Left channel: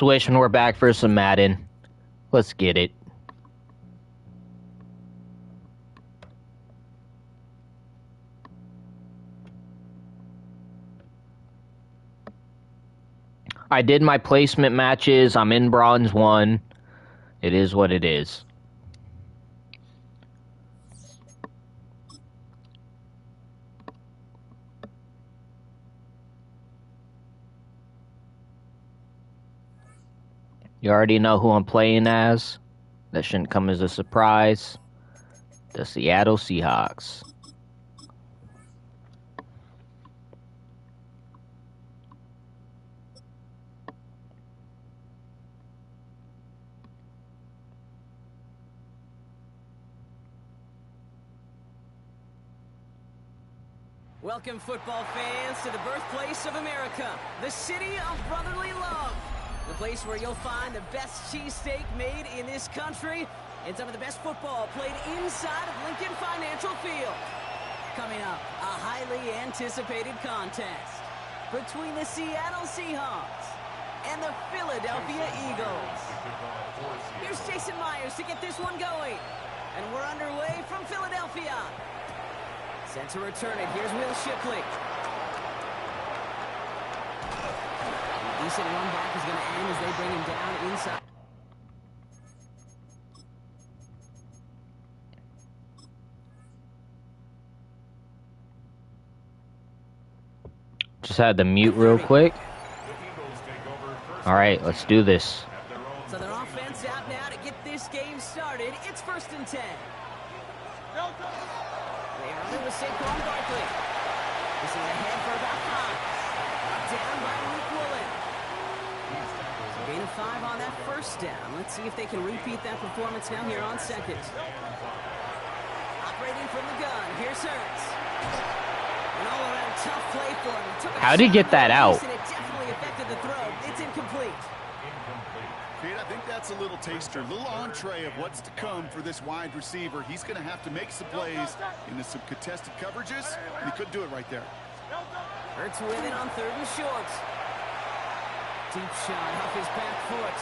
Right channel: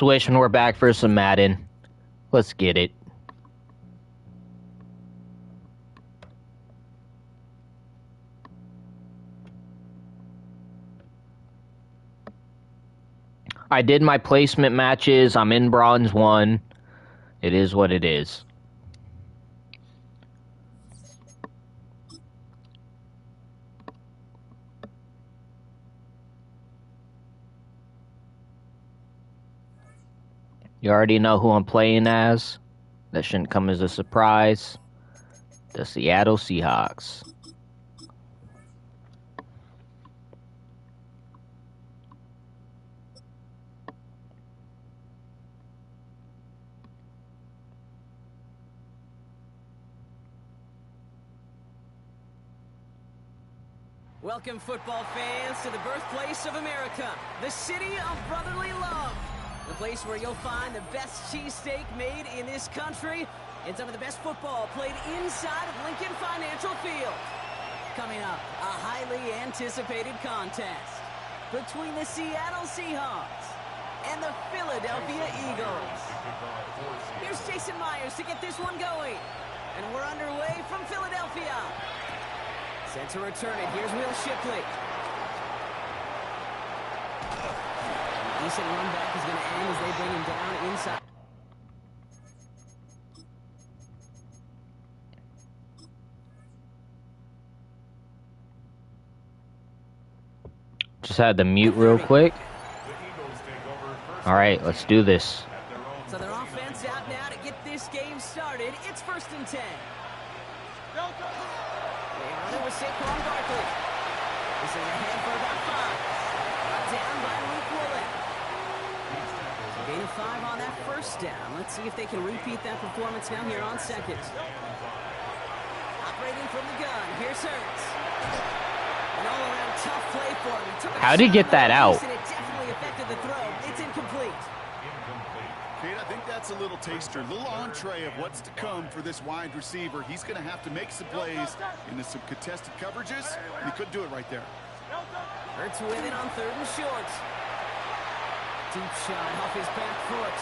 Swish and we're back for some Madden. Let's get it. I did my placement matches. I'm in Bronze 1. It is what it is. You already know who I'm playing as. That shouldn't come as a surprise. The Seattle Seahawks. Welcome, football fans, to the birthplace of America, the city of brotherly love. The place where you'll find the best cheesesteak made in this country and some of the best football played inside of Lincoln Financial Field. Coming up, a highly anticipated contest between the Seattle Seahawks and the Philadelphia Eagles. Here's Jason Myers to get this one going. And we're underway from Philadelphia. Set to return it. Here's Will Shipley. The decent run back is going to end as they bring him down inside. Just had to mute real quick. All right, let's do this. So their offense out now to get this game started. It's 1st and 10. They run it with Saquon Barkley. This is ahead for about 5. Down by Luke Woolen. So gain of 5 on that 1st down. Let's see if they can repeat that performance now here on 2nd. Operating from the gun. Here's Hurts. An all-around tough play for him. How'd he get that out? And it definitely affected the throw. It's incomplete. Kate, I think that's a little taster, a little entree of what's to come for this wide receiver. He's going to have to make some plays into some contested coverages, and he couldn't do it right there. Hurts with it on 3rd and short. Deep shot off his back foot.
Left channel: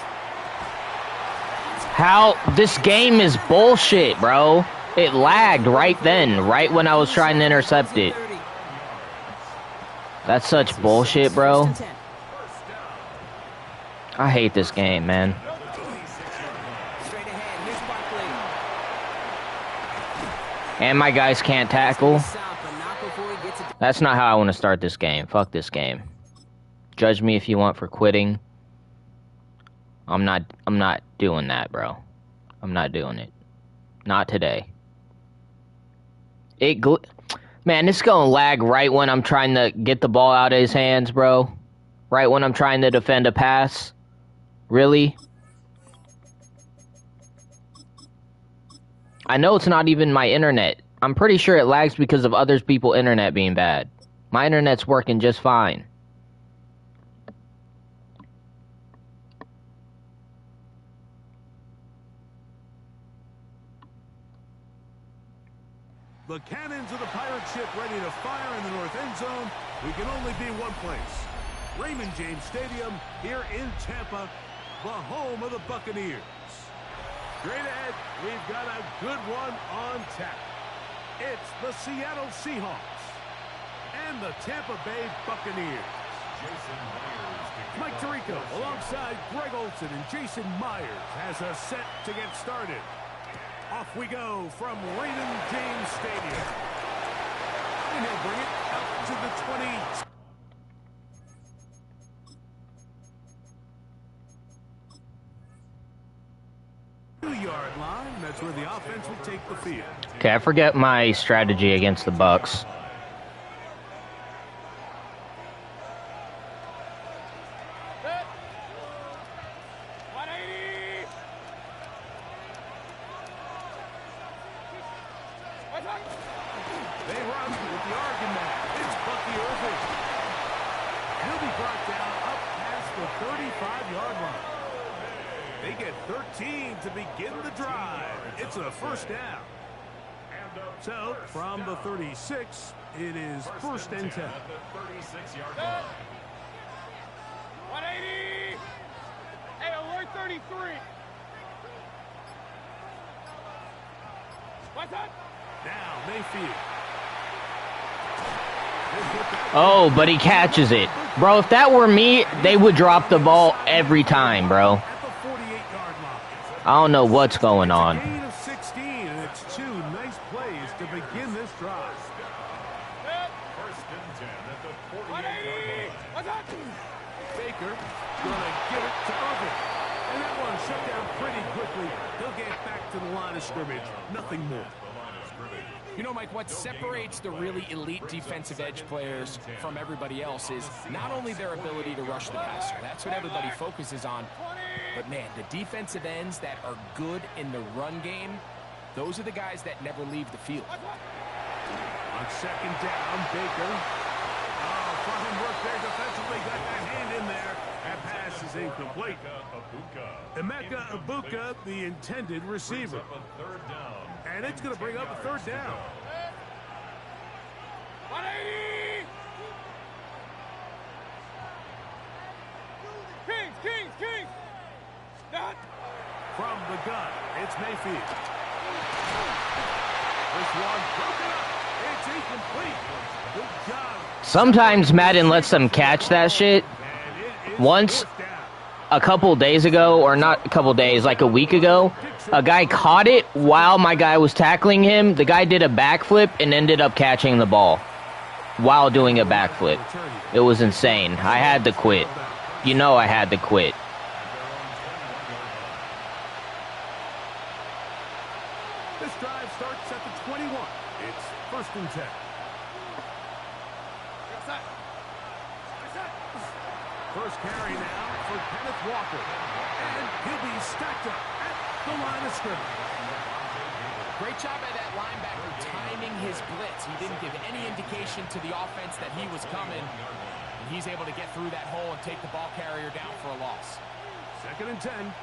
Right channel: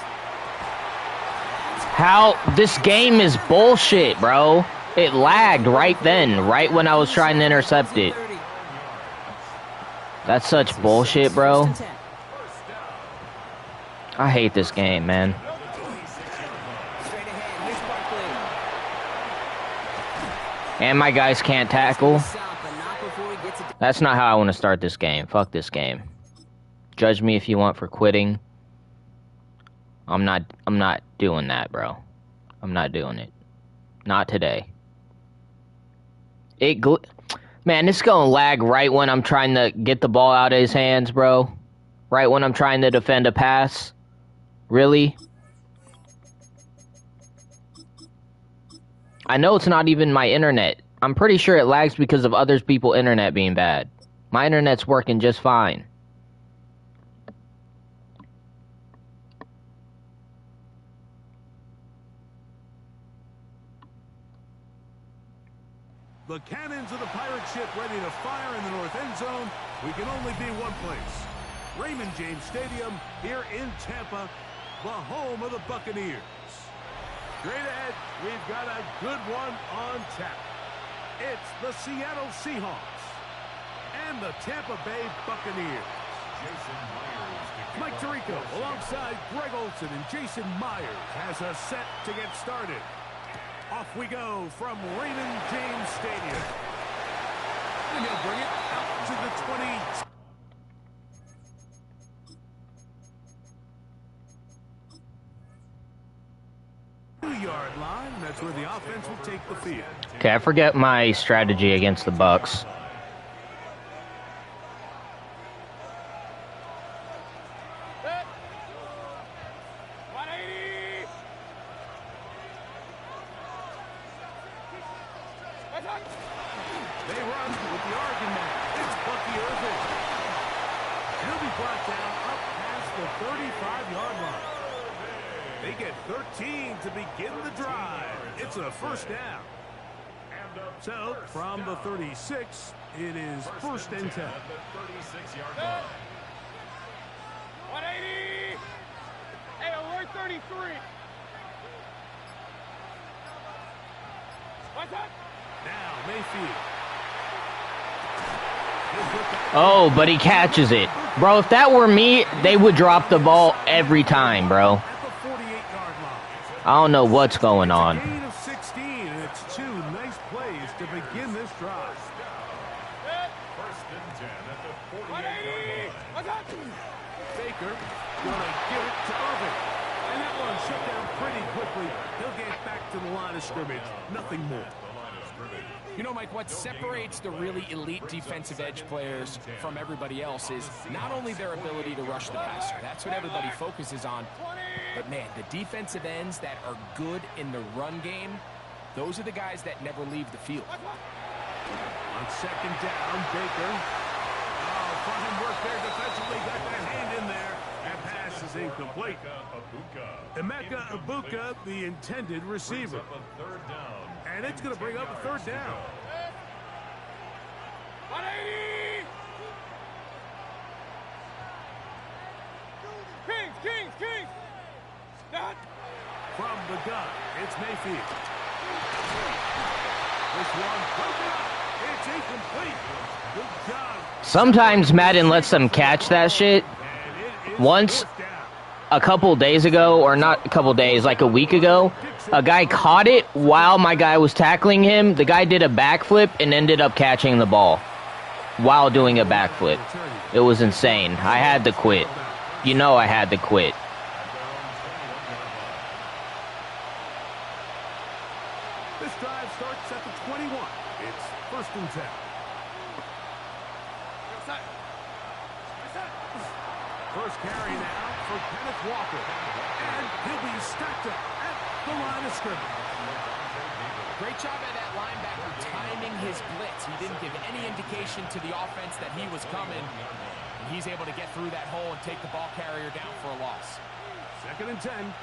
How this game is bullshit, bro. It lagged right then, right when I was trying to intercept it. That's such bullshit, bro. I hate this game, man. And my guys can't tackle. That's not how I want to start this game. Fuck this game. Judge me if you want for quitting. I'm not doing that, bro. I'm not doing it. Not today. Man, it's gonna lag right when I'm trying to get the ball out of his hands, bro. Right when I'm trying to defend a pass. Really? I know it's not even my internet. I'm pretty sure it lags because of other people's internet being bad. My internet's working just fine. The cannons of the pirate ship ready to fire in the north end zone. We can only be one place. Raymond James Stadium here in Tampa, the home of the Buccaneers. Straight ahead, we've got a good one on tap. It's the Seattle Seahawks and the Tampa Bay Buccaneers. Mike Tirico alongside Greg Olson and Jason Myers has us set to get started. Off we go from Raymond James Stadium. And he'll bring it out to the 20. 2-yard line. That's where the offense will take the field. Okay, I forget my strategy against the Bucs. They run with the argument. It's Bucky Irving. He'll be brought down up past the 35-yard line. They get 13 to begin the drive. It's a 1st down. So, from the 36, it is 1st and 10. 36-yard line. 180. Now Mayfield. Oh, but he catches it. Bro, if that were me, they would drop the ball every time, bro. At the 48-yard line. I don't know what's going It's a on. gain of 16, and it's 2 nice plays to begin this drive. First and 10 at the 48-yard line. Baker gonna give it to Irvin. And that one shut down pretty quickly. He'll get back to the line of scrimmage. Nothing more. You know, Mike, what separates the really elite defensive edge players from everybody else is not only their ability to rush the passer. That's what everybody focuses on. But, man, the defensive ends that are good in the run game, those are the guys that never leave the field. On second down, Baker. Oh, fine work there defensively. Got that hand in there. That pass is incomplete. Emeka Ibuka, the intended receiver. And it's going to bring up a third down. Kings! From the gun, it's Mayfield. This one broken up. It's incomplete. Good job. Sometimes Madden lets them catch that shit. And it is Once, fourth down. a couple days ago, or not a couple days, like a week ago, a guy caught it while my guy was tackling him. The guy did a backflip and ended up catching the ball while doing a backflip. It was insane. I had to quit. You know I had to quit. This drive starts at the 21. It's first and 10. First carry now for Kenneth Walker. And he'll be stacked up at the line of scrimmage. Great job by that linebacker timing his blitz. He didn't give any indication to the offense that he was coming. And he's able to get through that hole and take the ball carrier down for a loss. Second and 10.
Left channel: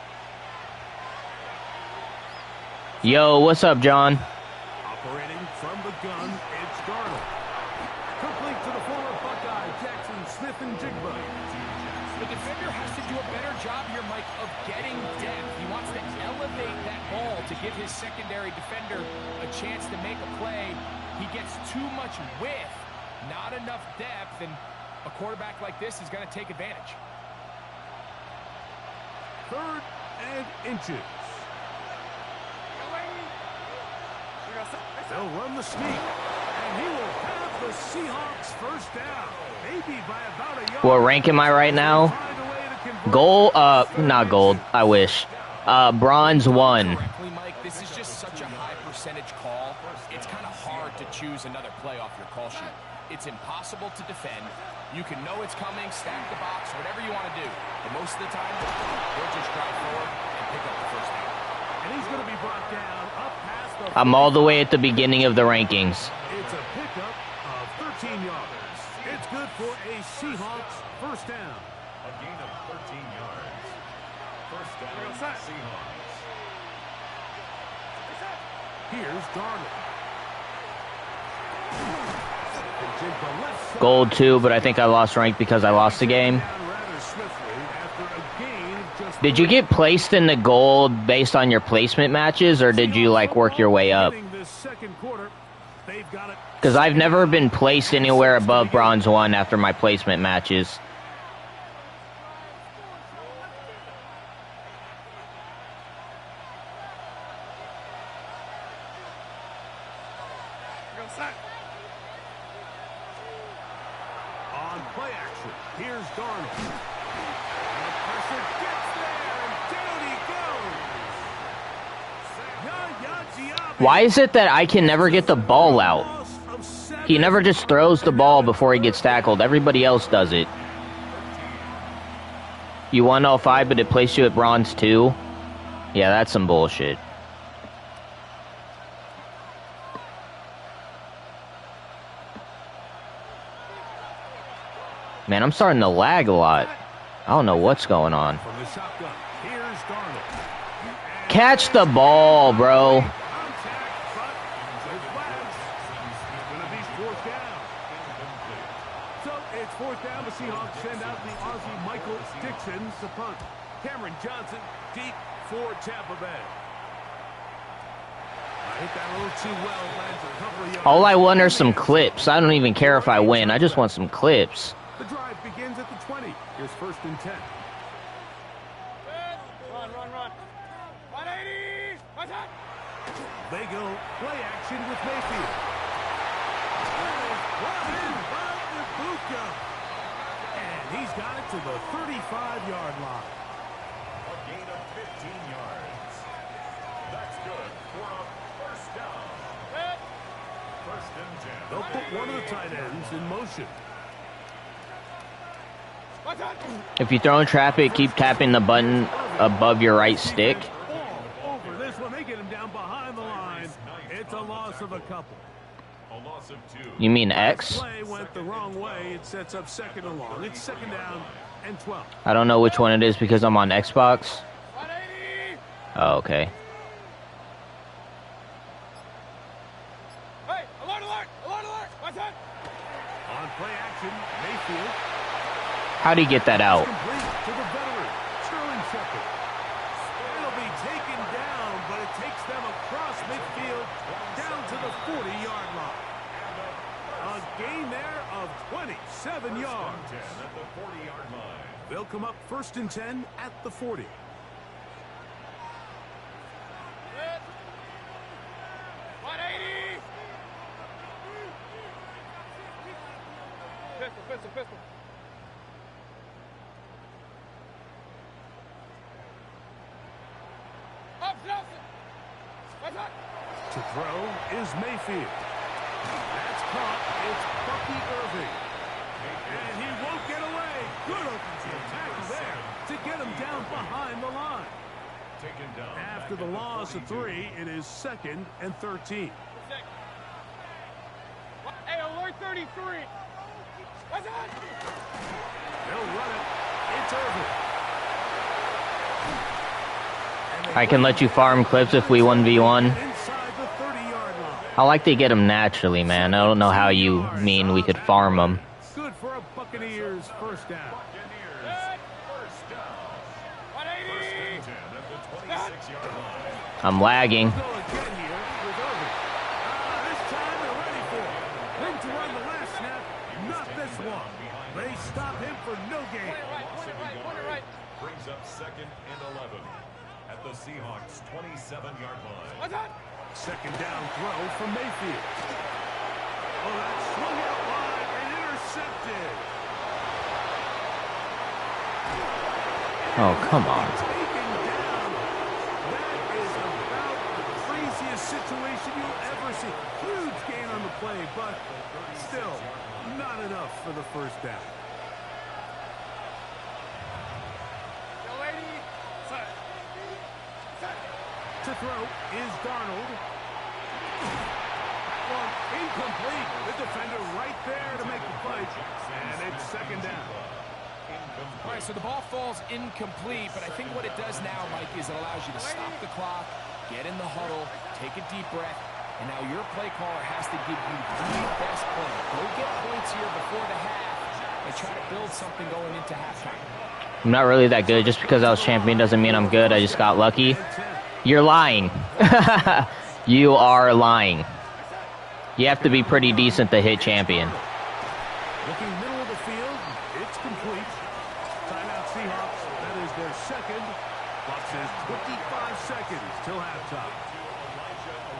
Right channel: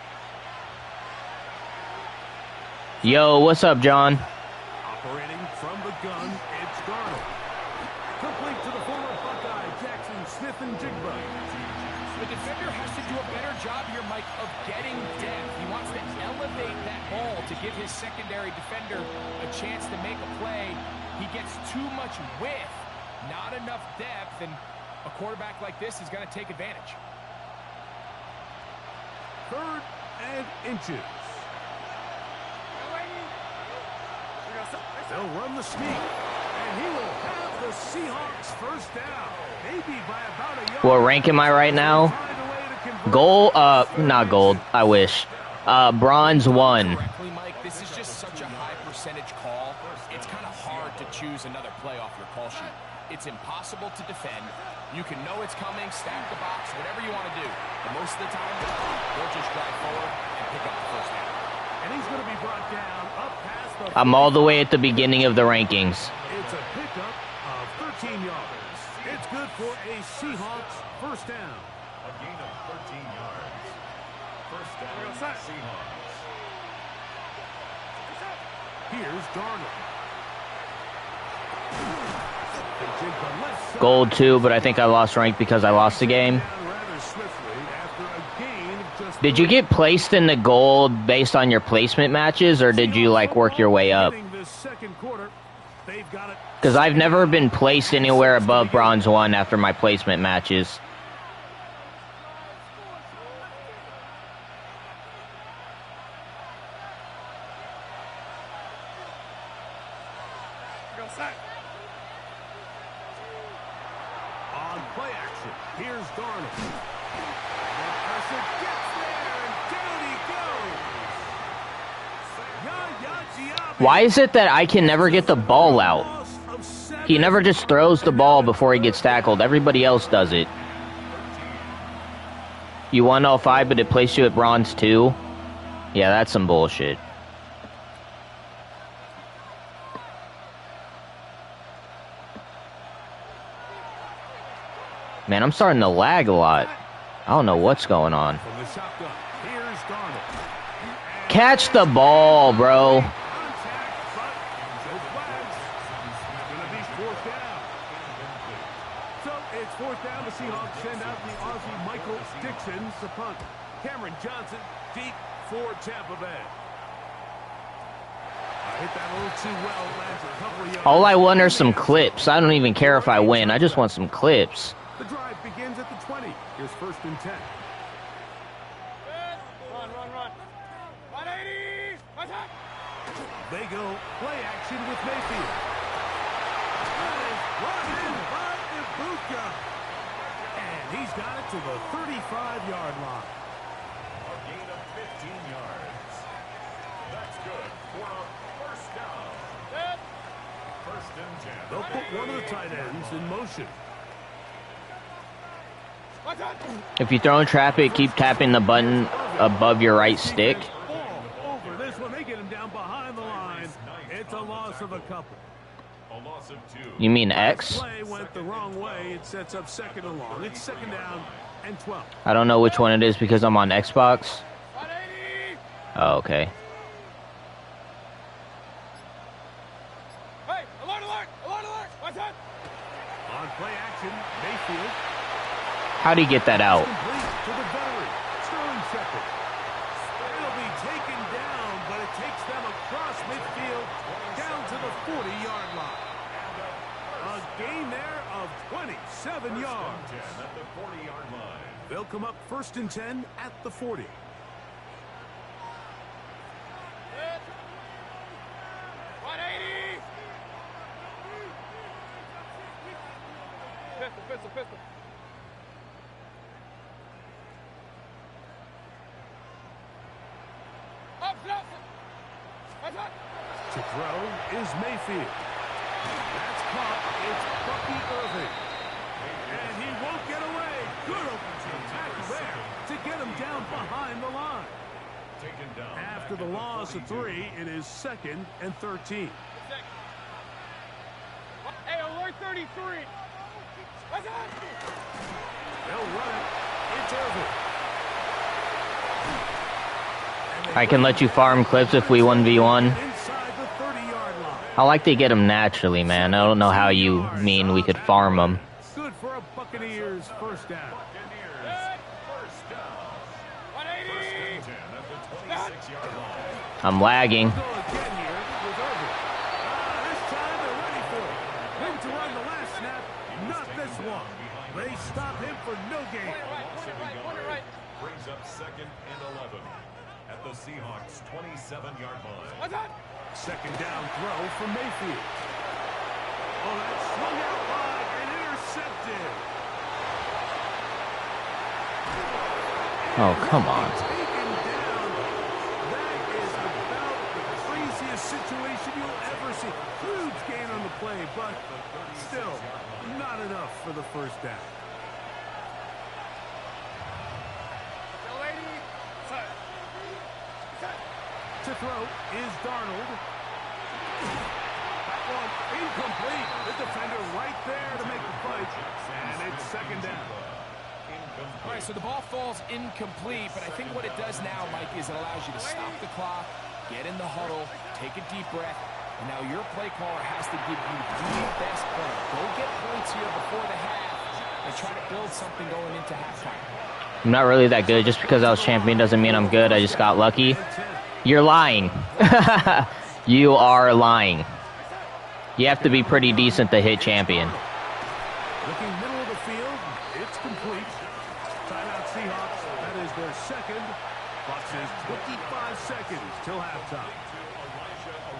Yo, what's up, John? Operating from the gun, it's Darnold. Complete to the former Buckeye, Jackson Smith and Jigba. The defender has to do a better job here, Mike, of getting depth. He wants to elevate that ball to give his secondary defender a chance to make a play. He gets too much width, not enough depth, and a quarterback like this is going to take advantage. Third and inches. They'll run the sneak, and he will have the Seahawks first down. Maybe by about a yard. What rank am I right now? Find a way to convert. Gold? Not gold. I wish. Bronze 1. Correctly, Mike, this is just such a high percentage call. It's kind of hard to choose another play off your call sheet. It's impossible to defend. You can know it's coming, stack the box, whatever you want to do. But most of the time, they'll just drive forward and pick up the first down. And he's going to be brought down up past the... I'm all the way at the beginning of the rankings. It's a pickup of 13 yards. It's good for a Seahawks first down. A gain of 13 yards. First down, Seahawks. Here's Darnold. And Jigba left side. Gold 2, but I think I lost rank because I lost the game. Down rather swiftly after a gain of just Did you 3. get placed in the gold based on your placement matches, or did you, like, work your way up? This second quarter, they've got it. Because I've never been placed anywhere above bronze 1 after my placement matches. On play action, here's Darnold. The pressure gets there, and down he goes. Yaya Diaby. Why is it that I can never get the ball out? Loss of 7. He never just throws the ball before he gets tackled. Everybody else does it. You won all 5, but it placed you at bronze 2? Yeah, that's some bullshit. Man, I'm starting to lag a lot. I don't know what's going on. From the shotgun, here's Darnold. Catch the ball, bro. Contact, but no flags. It's going to be fourth down. So it's fourth down. The Seahawks send out the Aussie Michael Dixon to punt. Cameron Johnson deep for Tampa Bay. Hit that a little too well. Lands a couple of yards. All I want are some clips. I don't even care if I win. I just want some clips. The drive begins at the 20. Here's 1st and 10. Run. 180. They go play action with Mayfield. Brought in by Ibuka. And he's got it to the 35-yard line. A gain of 15 yards. That's good for a first down. 1st and 10. They'll put one of the tight ends in motion. If you throw in traffic, keep tapping the button above your right stick. Ball over this one. They get him down behind the line. It's a loss of a couple. A loss of 2. You mean X? Play went the wrong way. It sets up 2nd and long. It's 2nd down and 12. I don't know which one it is because I'm on Xbox. 180. Oh, okay. Hey, alert. What's that? On play action, Mayfield. How'd he get that out? Complete to the veteran, Sterling Shepard. It'll be taken down, but it takes them across midfield down to the 40-yard line. A gain there of 27 yards. 10 at the 40-yard line. They'll come up 1st and 10 at the 40. Good. 180. Pistol. Up, Nelson. What's that? To throw is Mayfield. That's caught. It's Bucky Irving. And he won't get away. Good open field tackle there to get him down behind the line. Taken down. After the loss of 3, it is 2nd and 13. Hey, alert 33. What's that? They'll run it. It's Irving. I can let you farm clips if we 1v1. Inside the 30-yard line. I like to get them naturally, man. I don't know how you mean we could farm them. Good for a Buccaneers first down. Buccaneers first down. 180. 1st and 10 at the 26-yard line. I'm lagging. Go again here with Irving. This time they're ready for it. Went to run the last snap, not this one. They stop him for no gain. Point it right. Brings up 2nd and 11 at the Seahawks 27-yard line. What's that? 2nd down throw from Mayfield. Oh, that swung out wide and intercepted. Oh, come on. Taken down. That is about the craziest situation you'll ever see. Huge gain on the play, but still not enough for the first down. Yo, lady. Set. To throw is Darnold. That one incomplete. The defender right there to make the play. And it's 2nd down. All right, so the ball falls incomplete, but I think what it does now, Mike, is it allows you to stop the clock, get in the huddle, take a deep breath, and now your play caller has to give you the best play. Go get points here before the half and try to build something going into halftime. I'm not really that good. Just because I was champion doesn't mean I'm good. I just got lucky. You're lying. You are lying. You have to be pretty decent to hit champion. Looking middle of the field, it's complete. Timeout Seahawks, that is their 2nd. Clock says 25 seconds till halftime.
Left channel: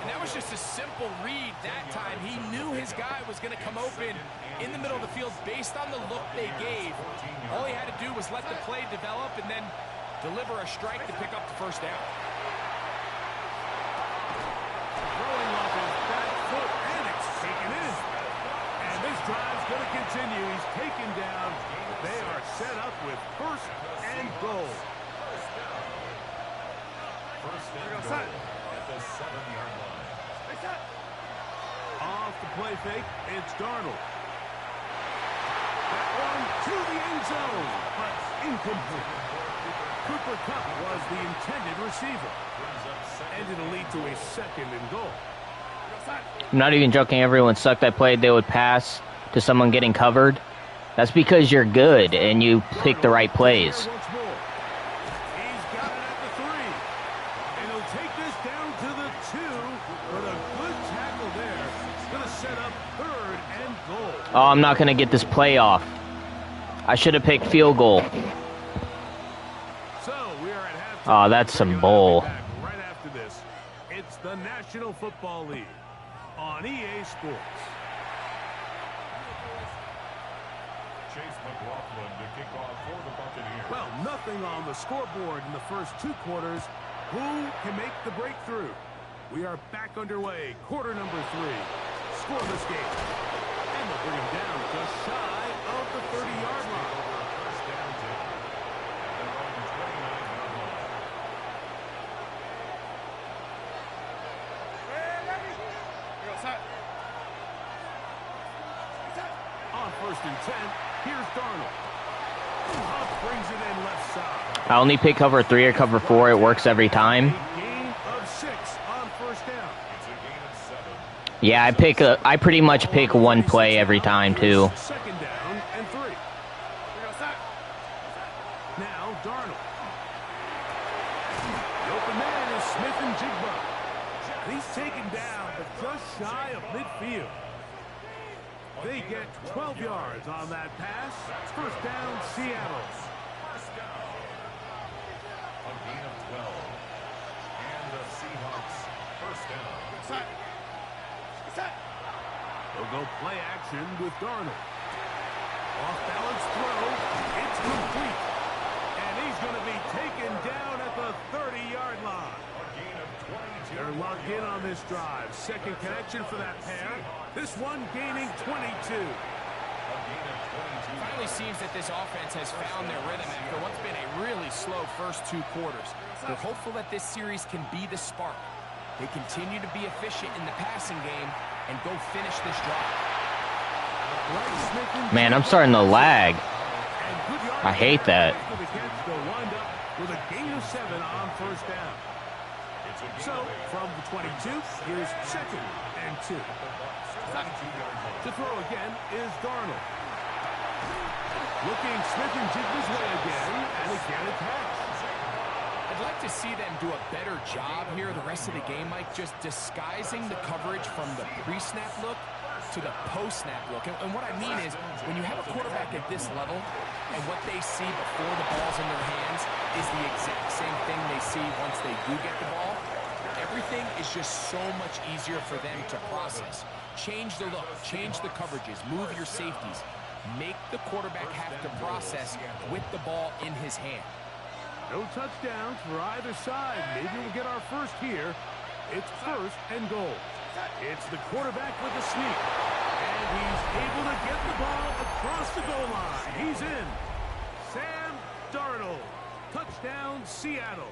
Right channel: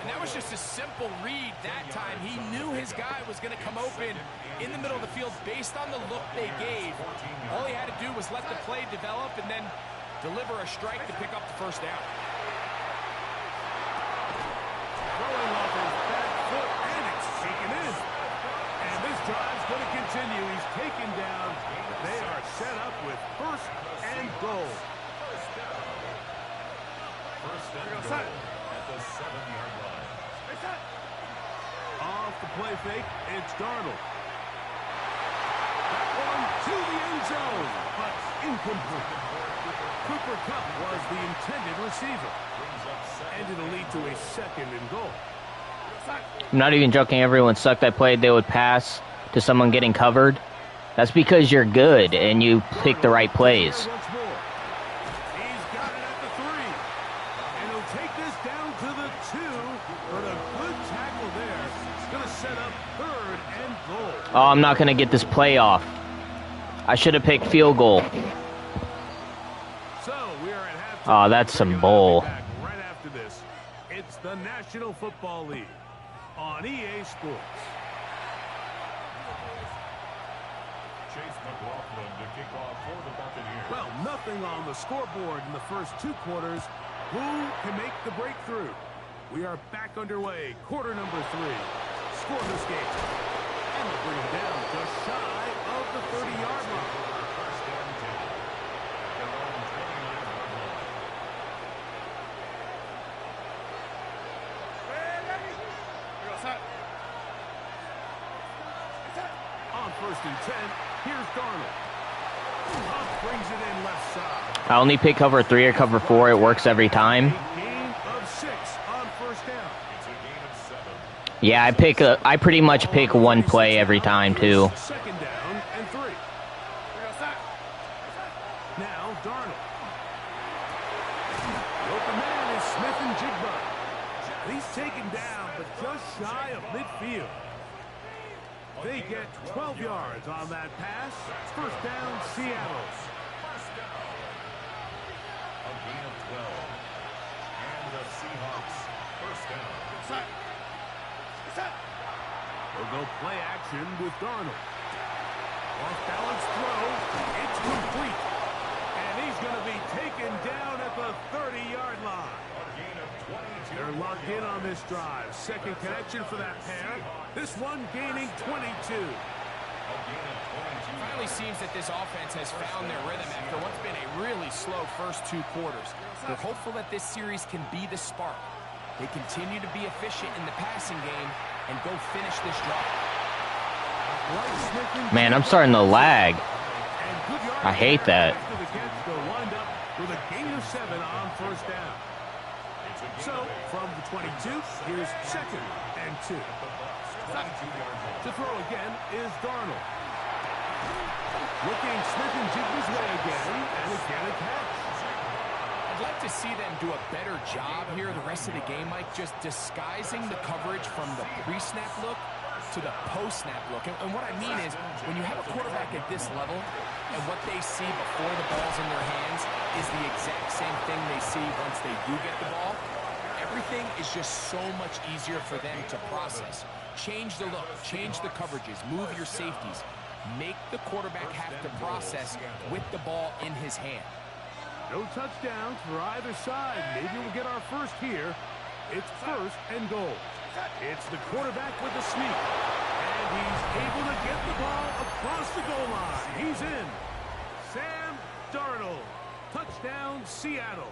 And that was just a simple read that time. He knew his guy was going to come open in the middle of the field based on the look they gave. All he had to do was let the play develop and then deliver a strike to pick up the first down. Throwing off his back foot, and it's taken in. And this drive's going to continue. He's taken down. They are set up with 1st and goal. First and goal at the 7-yard line. Off the play fake, it's Darnold. That one to the end zone, but incomplete. Cooper Kupp was the intended receiver. And it'll lead to a 2nd and goal. I'm not even joking. Everyone sucked. I played. They would pass to someone getting covered. That's because you're good and you pick the right plays. Once more. He take this down to the 2, but a good tackle there. It's going to set up 3rd and goal. Oh, I'm not going to get this play off. I should have picked field goal. So we are at halftime. Oh, that's some bull. Right after this, it's the National Football League on EA Sports. Chase McLaughlin to kick off for the Buccaneers. Well, nothing on the scoreboard in the first 2 quarters. Who can make the breakthrough? We are back underway. Quarter number 3. Scoreless game. And they'll bring him down just shy of the 30-yard line. First down 10 at their own 29-yard line. On 1st and 10, here's Darnold. Hunt brings it in left side. I only pick cover 3 or cover 4. It works every time. A gain of 6 on 1st down. It's a gain of 7. Yeah, I pretty much pick one play every time too. 2nd down and 3. Now Darnold. The open man is Smith and Jigba. And he's taken down, but just shy of midfield. They get 12 yards on that pass. 1st down, Seattle. First down. A gain of 12. And the Seahawks first down. They'll go play action with Darnold. Off balance throw. It's complete. And he's going to be taken down at the 30-yard line. A gain of 22. They're locked in on this drive. 2nd connection for that pair. This one gaining 22. Finally seems that this offense has found their rhythm after what's been a really slow first 2 quarters. They're hopeful that this series can be the spark. They continue to be efficient in the passing game and go finish this drive. Man, I'm starting to lag. I hate that. After the catch, they'll wind up with a gain of 7 on 1st down. So, from the 22, here's 2nd and 2. To throw again is Darnold. Looking Smith and Jigba's way again, and again a catch. I'd like to see them do a better job here the rest of the game, Mike, just disguising the coverage from the pre-snap look to the post-snap look. And what I mean is, when you have a quarterback at this level, and what they see before the ball's in their hands is the exact same thing they see once they do get the ball, everything is just so much easier for them to process. Change the look, change the coverages, move your safeties. Make the quarterback have to process with the ball in his hand. No touchdowns for either side. Maybe we'll get our first here. It's 1st and goal. It's the quarterback with the sneak. And he's able to get the ball across the goal line. He's in. Sam Darnold. Touchdown, Seattle.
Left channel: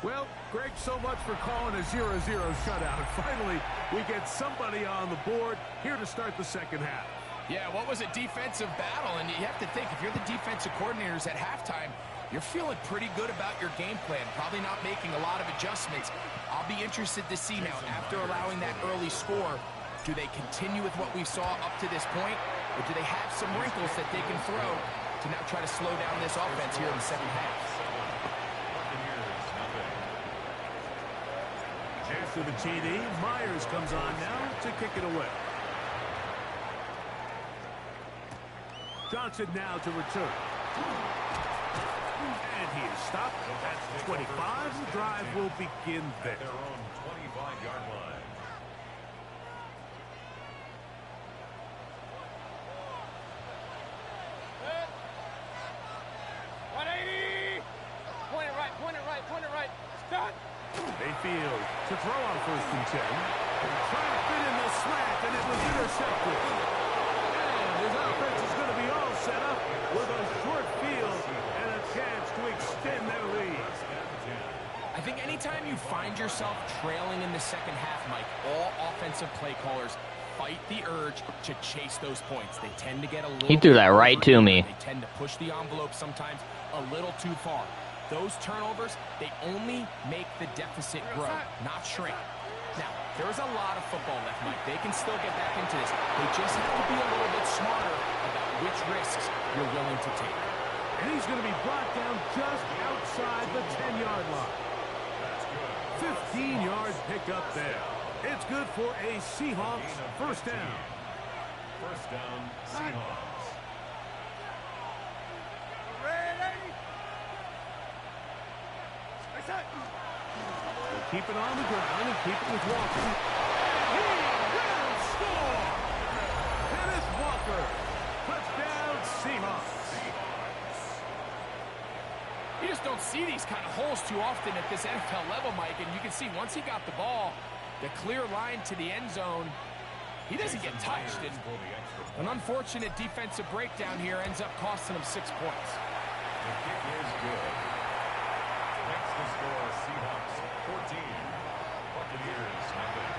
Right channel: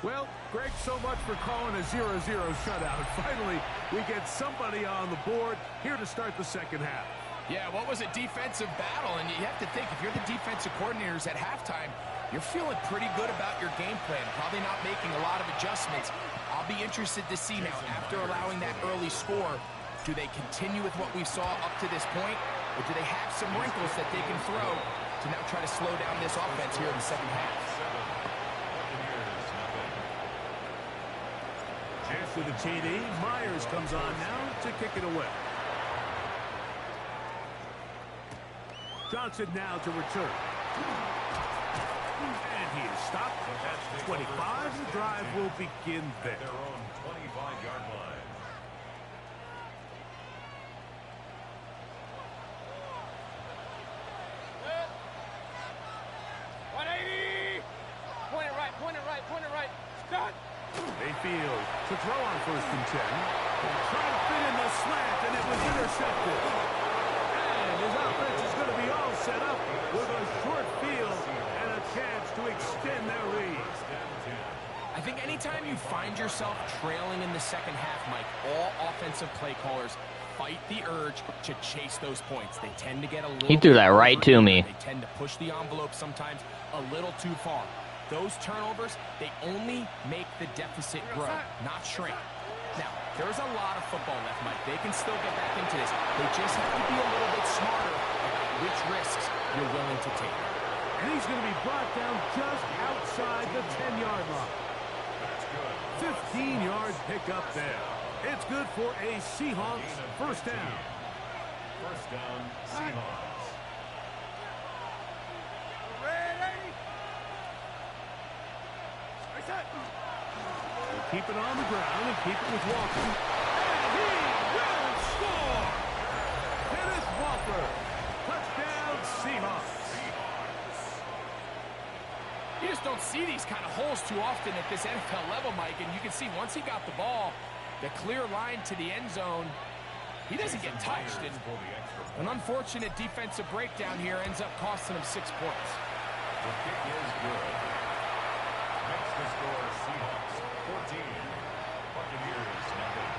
Well, Greg, so much for calling a 0-0 shutout. And finally, we get somebody on the board here to start the 2nd half. Yeah, what was a defensive battle? And you have to think, if you're the defensive coordinators at halftime, you're feeling pretty good about your game plan, probably not making a lot of adjustments. I'll be interested to see now, after allowing that early score, do they continue with what we saw up to this point, or do they have some wrinkles that they can throw to now try to slow down this offense here in the 2nd half? After the TD, Myers comes on now to kick it away. Johnson now to return. And he is stopped at 25. The drive will begin there. At their own 25-yard line. Point it right. Start. Mayfield to throw on 1st and 10. Trying to fit in the slant, and it was intercepted. And his offense is going to be all set up with a short field and a chance to extend their lead. I think anytime you find yourself trailing in the 2nd half, Mike, all offensive play callers fight the urge to chase those points. They tend to get a little... He threw that right to me. They tend to push the envelope sometimes a little too far. Those turnovers, they only make the deficit grow, not shrink. Now, there's a lot of football left, Mike. They can still get back into this. They just have to be a little bit smarter about which risks you're willing to take. And he's going to be brought down just outside the 10-yard line. That's good. 15-yard pickup there. It's good for a Seahawks first down. First down, Seahawks. Ready? We'll keep it on the ground and keep it with Walker. And he will score! Kenneth Walker. Touchdown, Seahawks. You just don't see these kind of holes too often at this NFL level, Mike. And you can see once he got the ball, the clear line to the end zone, he doesn't get touched. And an unfortunate defensive breakdown here ends up costing him 6 points. The kick is good. Makes the score Seahawks 14. Buccaneers nothing.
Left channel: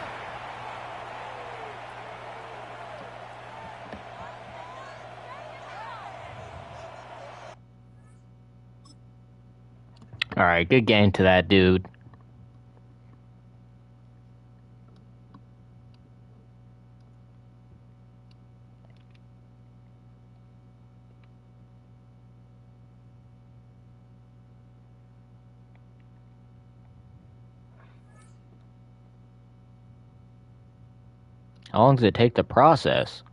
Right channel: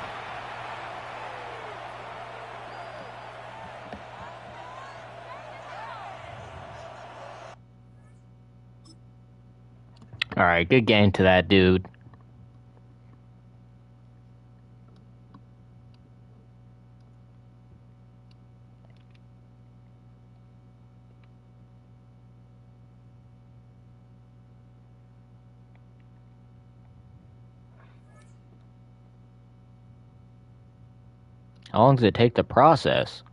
All right, good game to that dude. How long does it take to process?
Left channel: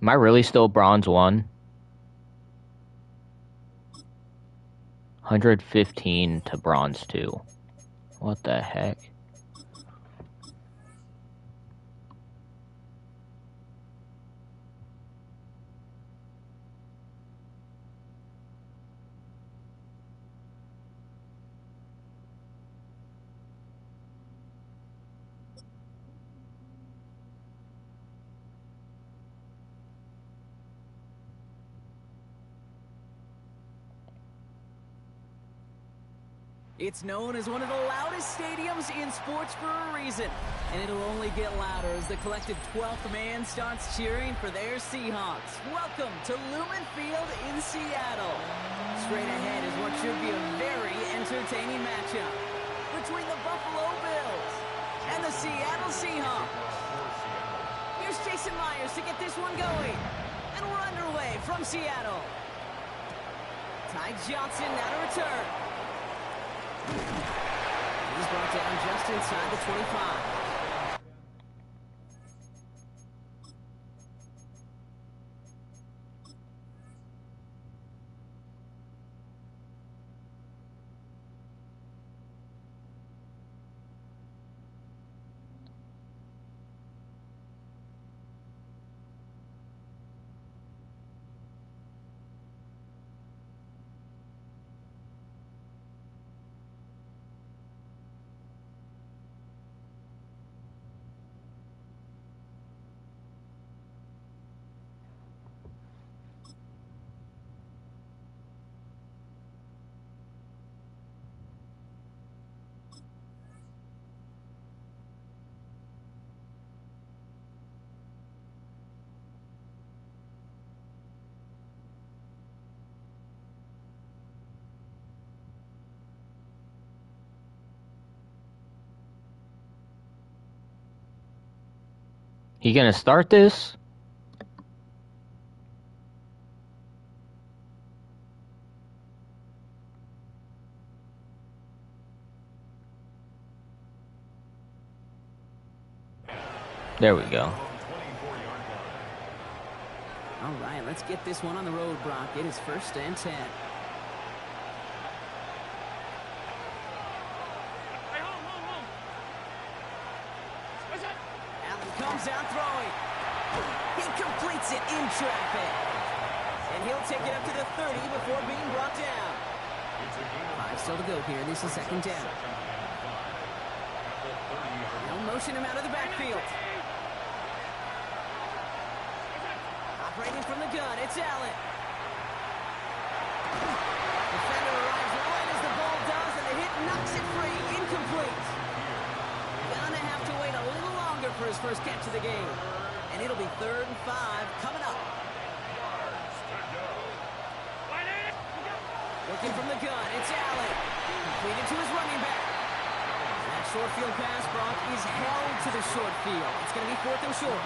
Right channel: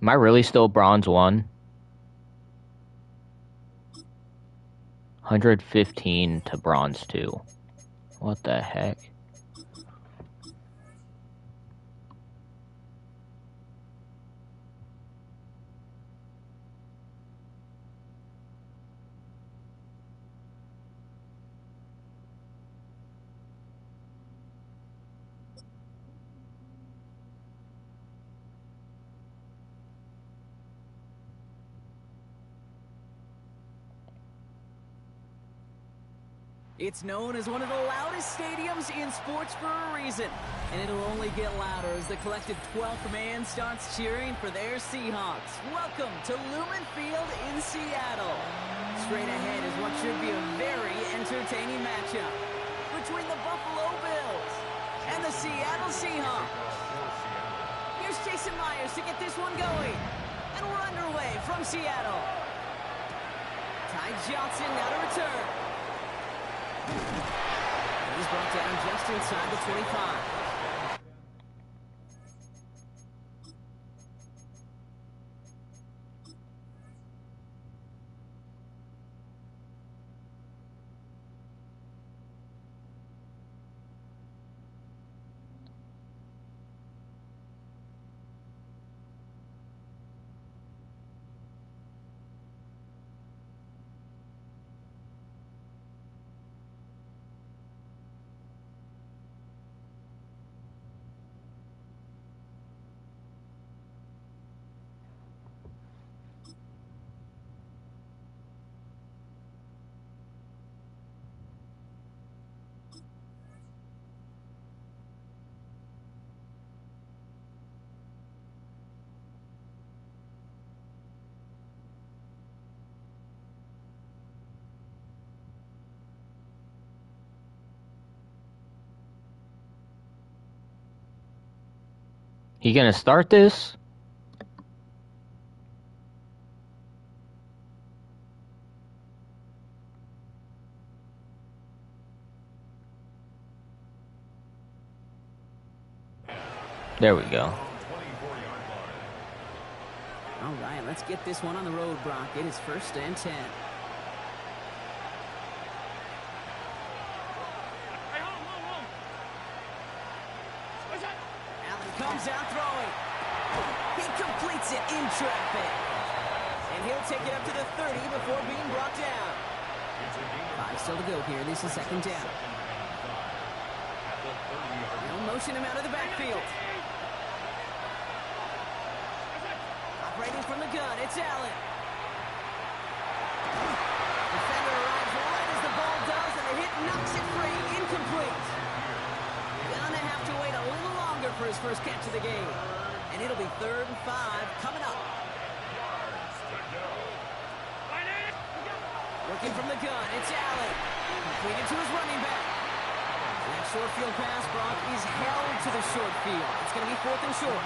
Am I really still bronze 1? 115 to bronze 2. What the heck? It's known as one of the loudest stadiums in sports for a reason. And it'll only get louder as the collective 12th man starts cheering for their Seahawks. Welcome to Lumen Field in Seattle. Straight ahead is what should be a very entertaining matchup between the Buffalo Bills and the Seattle Seahawks. Here's Jason Myers to get this one going. And we're underway from Seattle. Ty Johnson now to return. He's brought down just inside the 25. He gonna start this? There we go. All right, let's get this one on the road, Brock. It is 1st and 10. Comes out throwing. He completes it in traffic. And he'll take it up to the 30 before being brought down. 5 still to go here. This is 2nd down. They'll motion him out of the backfield. Operating from the gun, it's Allen. Defender arrives right as the ball does, and the hit knocks it free. Incomplete. Gonna have to wait a little longer for his first catch of the game. And it'll be 3rd and 5 coming up. Looking from the gun, it's Allen. Completed to his running back. And that short field pass, Brock, is held to the short field. It's going to be 4th and short.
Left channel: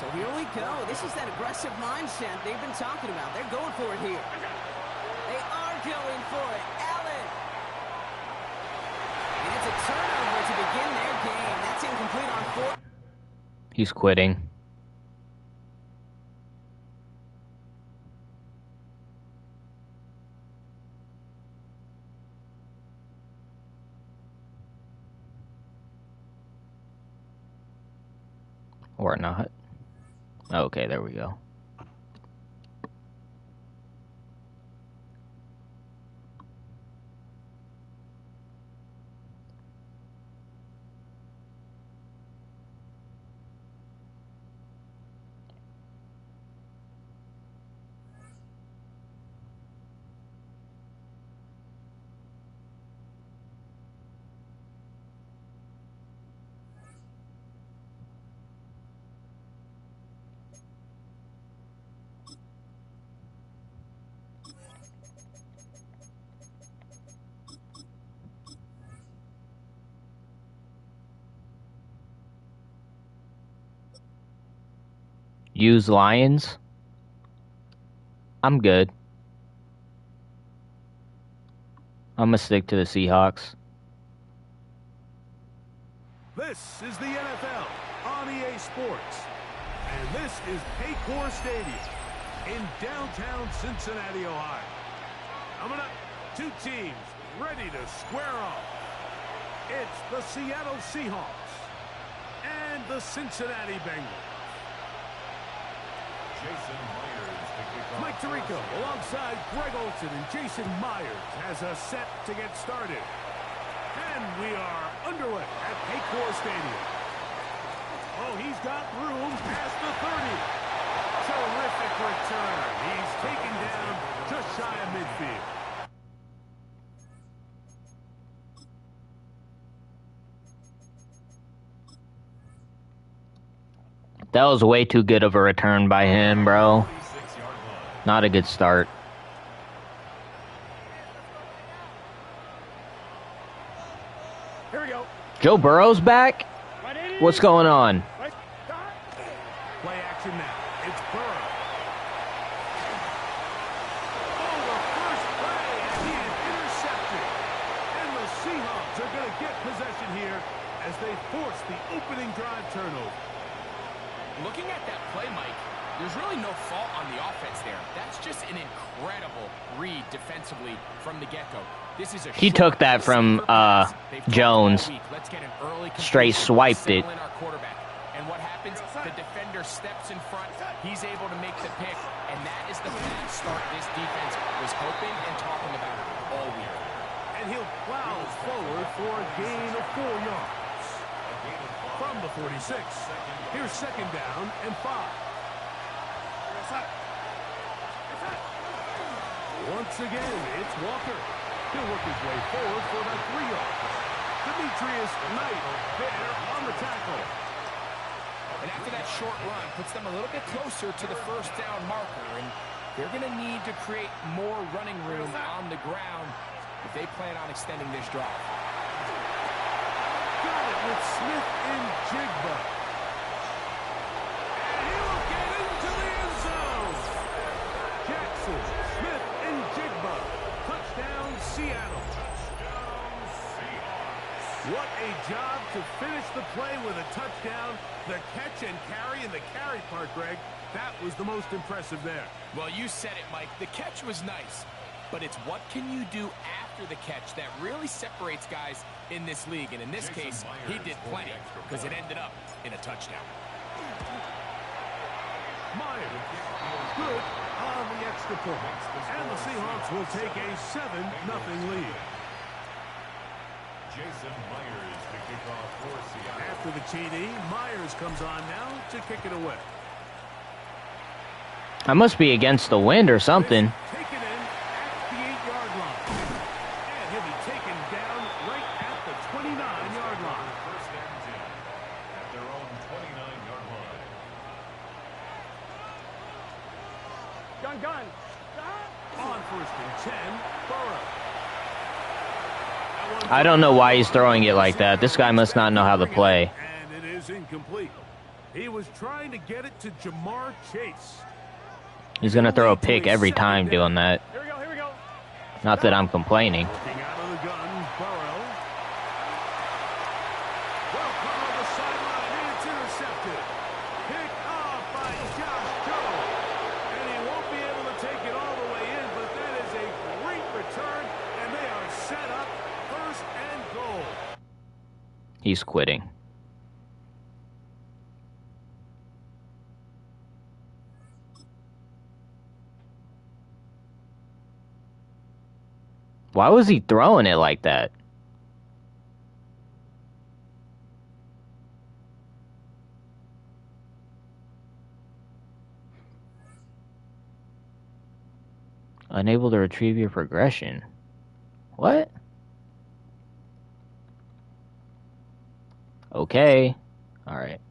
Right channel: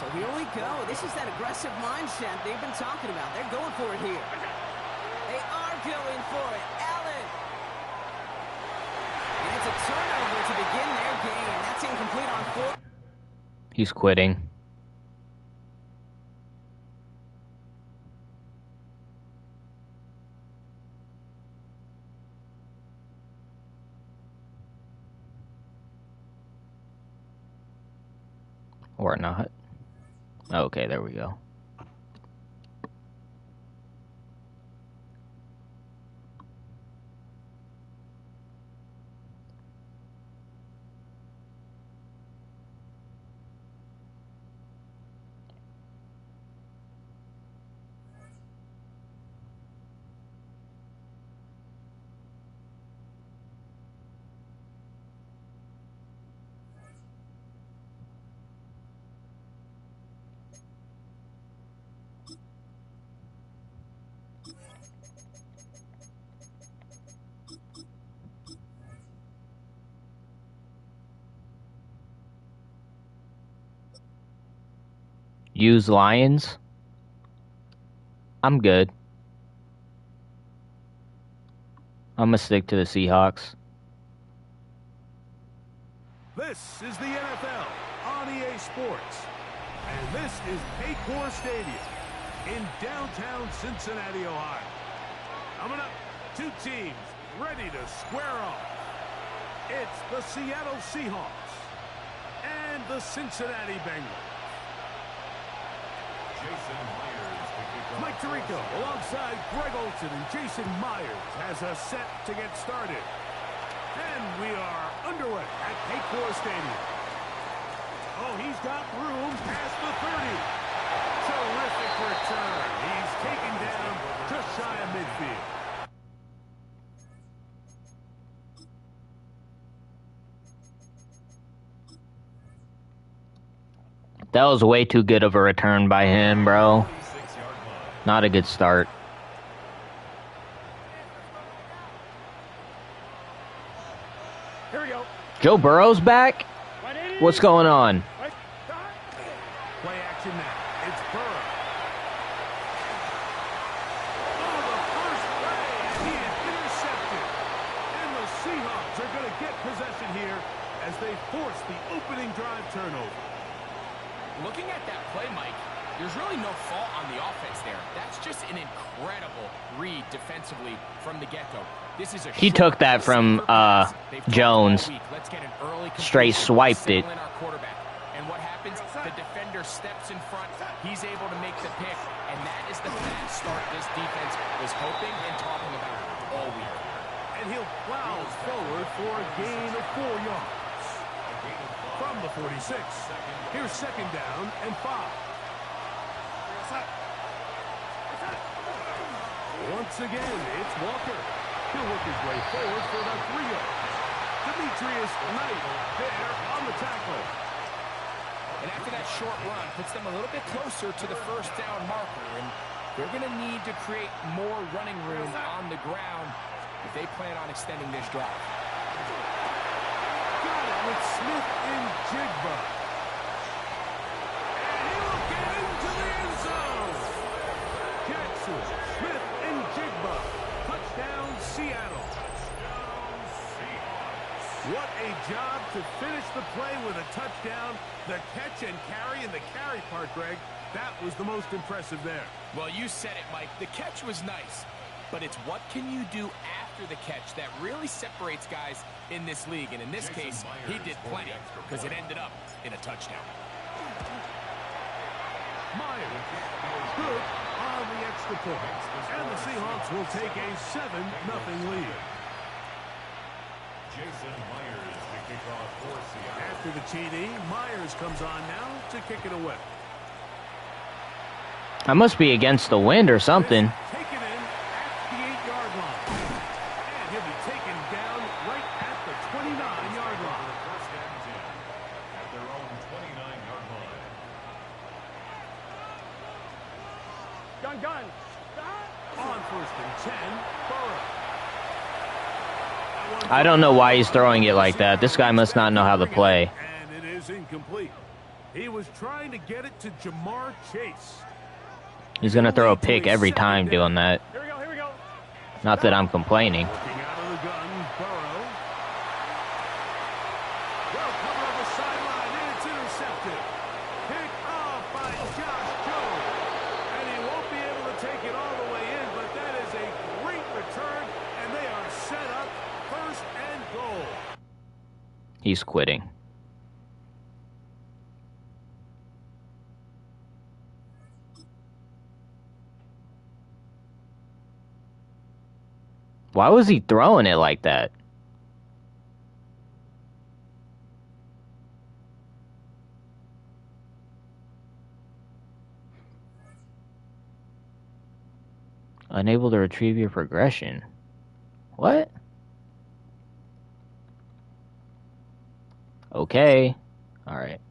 So here we go. This is that aggressive mindset they've been talking about. They're going for it here. They are going for it. Allen. And it's a turnover to begin their game. That's incomplete on 4. He's quitting. Or not. Okay, there we go. Use Lions. I'm good. I'm gonna stick to the Seahawks. This is the NFL on EA Sports. And this is Paycor Stadium in downtown Cincinnati, Ohio. Coming up, two teams ready to square off. It's the Seattle Seahawks and the Cincinnati Bengals. Jason Myers to kick off. Mike Tirico alongside Greg Olsen, and Jason Myers has us set to get started. And we are underway at Paycor Stadium. Oh, he's got room past the 30. Terrific return. He's taken down just shy of midfield. That was way too good of a return by him, bro. Not a good start. Here we go. Joe Burrow's back? What's going on? Play action now. It's Burrow. Oh, the first play, and he is intercepted. And the Seahawks are going to get possession here as they force the opening drive turnover. Looking at that play, Mike, there's really no fault on the offense there. That's just an incredible read defensively from the get-go. This is a He took that from Jones. Straight swiped it. And what happens? The defender steps in front. He's able to make the pick, and that is the fast start this defense was hoping and talking about all week. And he'll plow forward for a gain of 4 yards. From the 46, here's second down and 5. Once again, it's Walker. He'll work his way forward for about 3 yards. Demetrius Knight there on the tackle. And after that short run, puts them a little bit closer to the first down marker. And they're going to need to create more running room on the ground if they plan on extending this drive. Got it with Smith and Jigba. And he will get into the end zone. Jackson, Smith, and Jigba. Touchdown, Seattle. Touchdown, Seahawks. What a job to finish the play with a touchdown. The catch and carry, and the carry part, Greg, that was the most impressive there. Well, you said it, Mike. The catch was nice, but it's what can you do after the catch that really separates guys in this league. And in this case, he did plenty because it ended up in a touchdown. Myers good on the extra point. And the Seahawks will take a 7-0 lead. Jason Myers to kick off for Seattle. After the TD, Myers comes on now to kick it away. I must be against the wind or something. Taken in at the 8-yard line. And he'll be taken down right at the 29-yard line. First and 10 at their own 29-yard line. Gun. On first and 10, Burrow. I don't know why he's throwing it like that. This guy must not know how to play. And it is incomplete. He was trying to get it to Jamar Chase. He's going to throw a pick every time doing that. Here we go, here we go. Not that I'm complaining. Working out of the gun, Burrow. Well covered on the sideline, and it's intercepted. Pick off by Josh Jones. And he won't be able to take it all the way in, but that is a great return, and they are set up 1st and goal. He's quitting. Why was he throwing it like that? Unable to retrieve your progression. What? Okay. All right.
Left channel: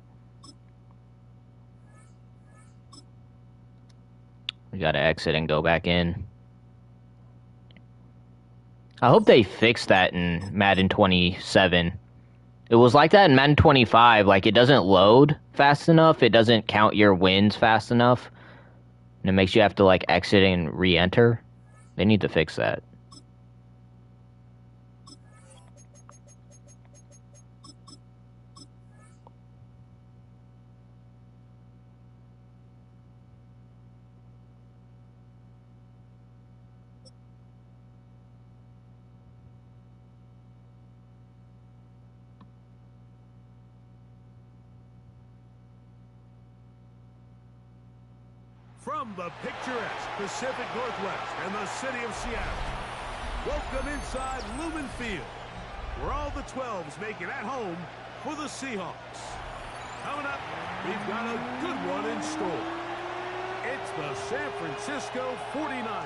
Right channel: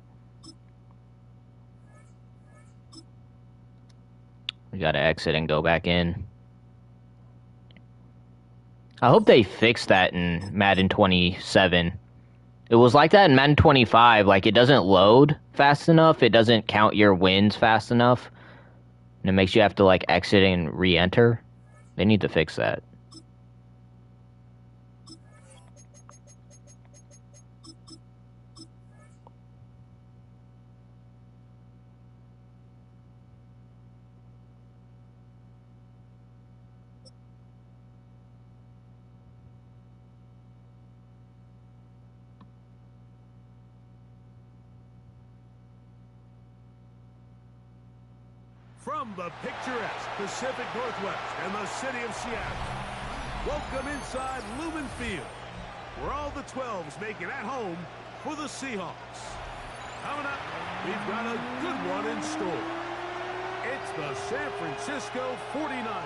We gotta exit and go back in. I hope they fix that in Madden 27. It was like that in Madden 25. Like, it doesn't load fast enough. It doesn't count your wins fast enough. And it makes you have to, like, exit and re-enter. They need to fix that. From the picturesque Pacific Northwest and the city of Seattle, welcome inside Lumen Field, where all the 12s make it at home for the Seahawks. Coming up, we've got a good one in store. It's the San Francisco 49ers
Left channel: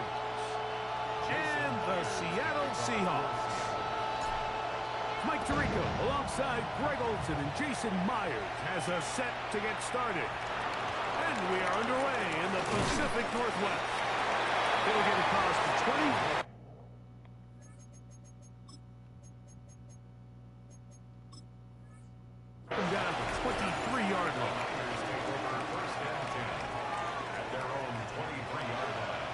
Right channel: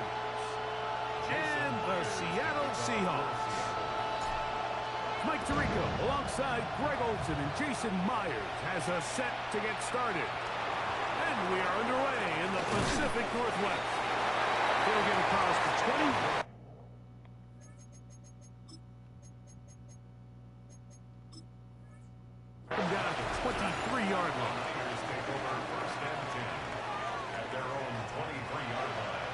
and the Seattle Seahawks. Mike Tirico, alongside Greg Olson and Jason Myers, has us set to get started. And we are underway in the Pacific Northwest. It'll get across to 20. Come down to the 23-yard line. Take over 1st and 10 at their own 23-yard line.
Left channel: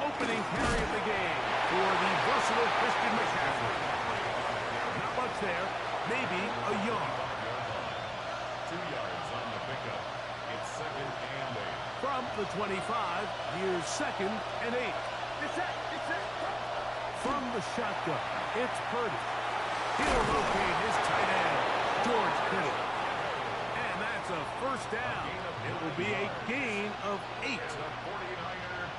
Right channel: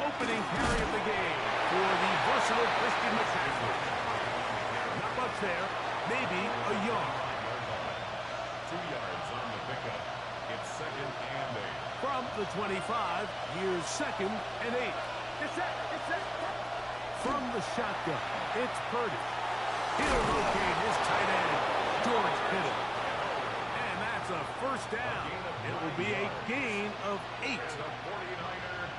Opening carry of the game for the versatile Christian McCaffrey. Not much there, maybe a yard. 2 yards on the pickup. It's 2nd and 8. From the 25, here's 2nd and 8. Get set, get set. From the shotgun, it's Purdy. He'll locate his tight end, George Kittle. And that's a 1st down. It will be a gain of 8.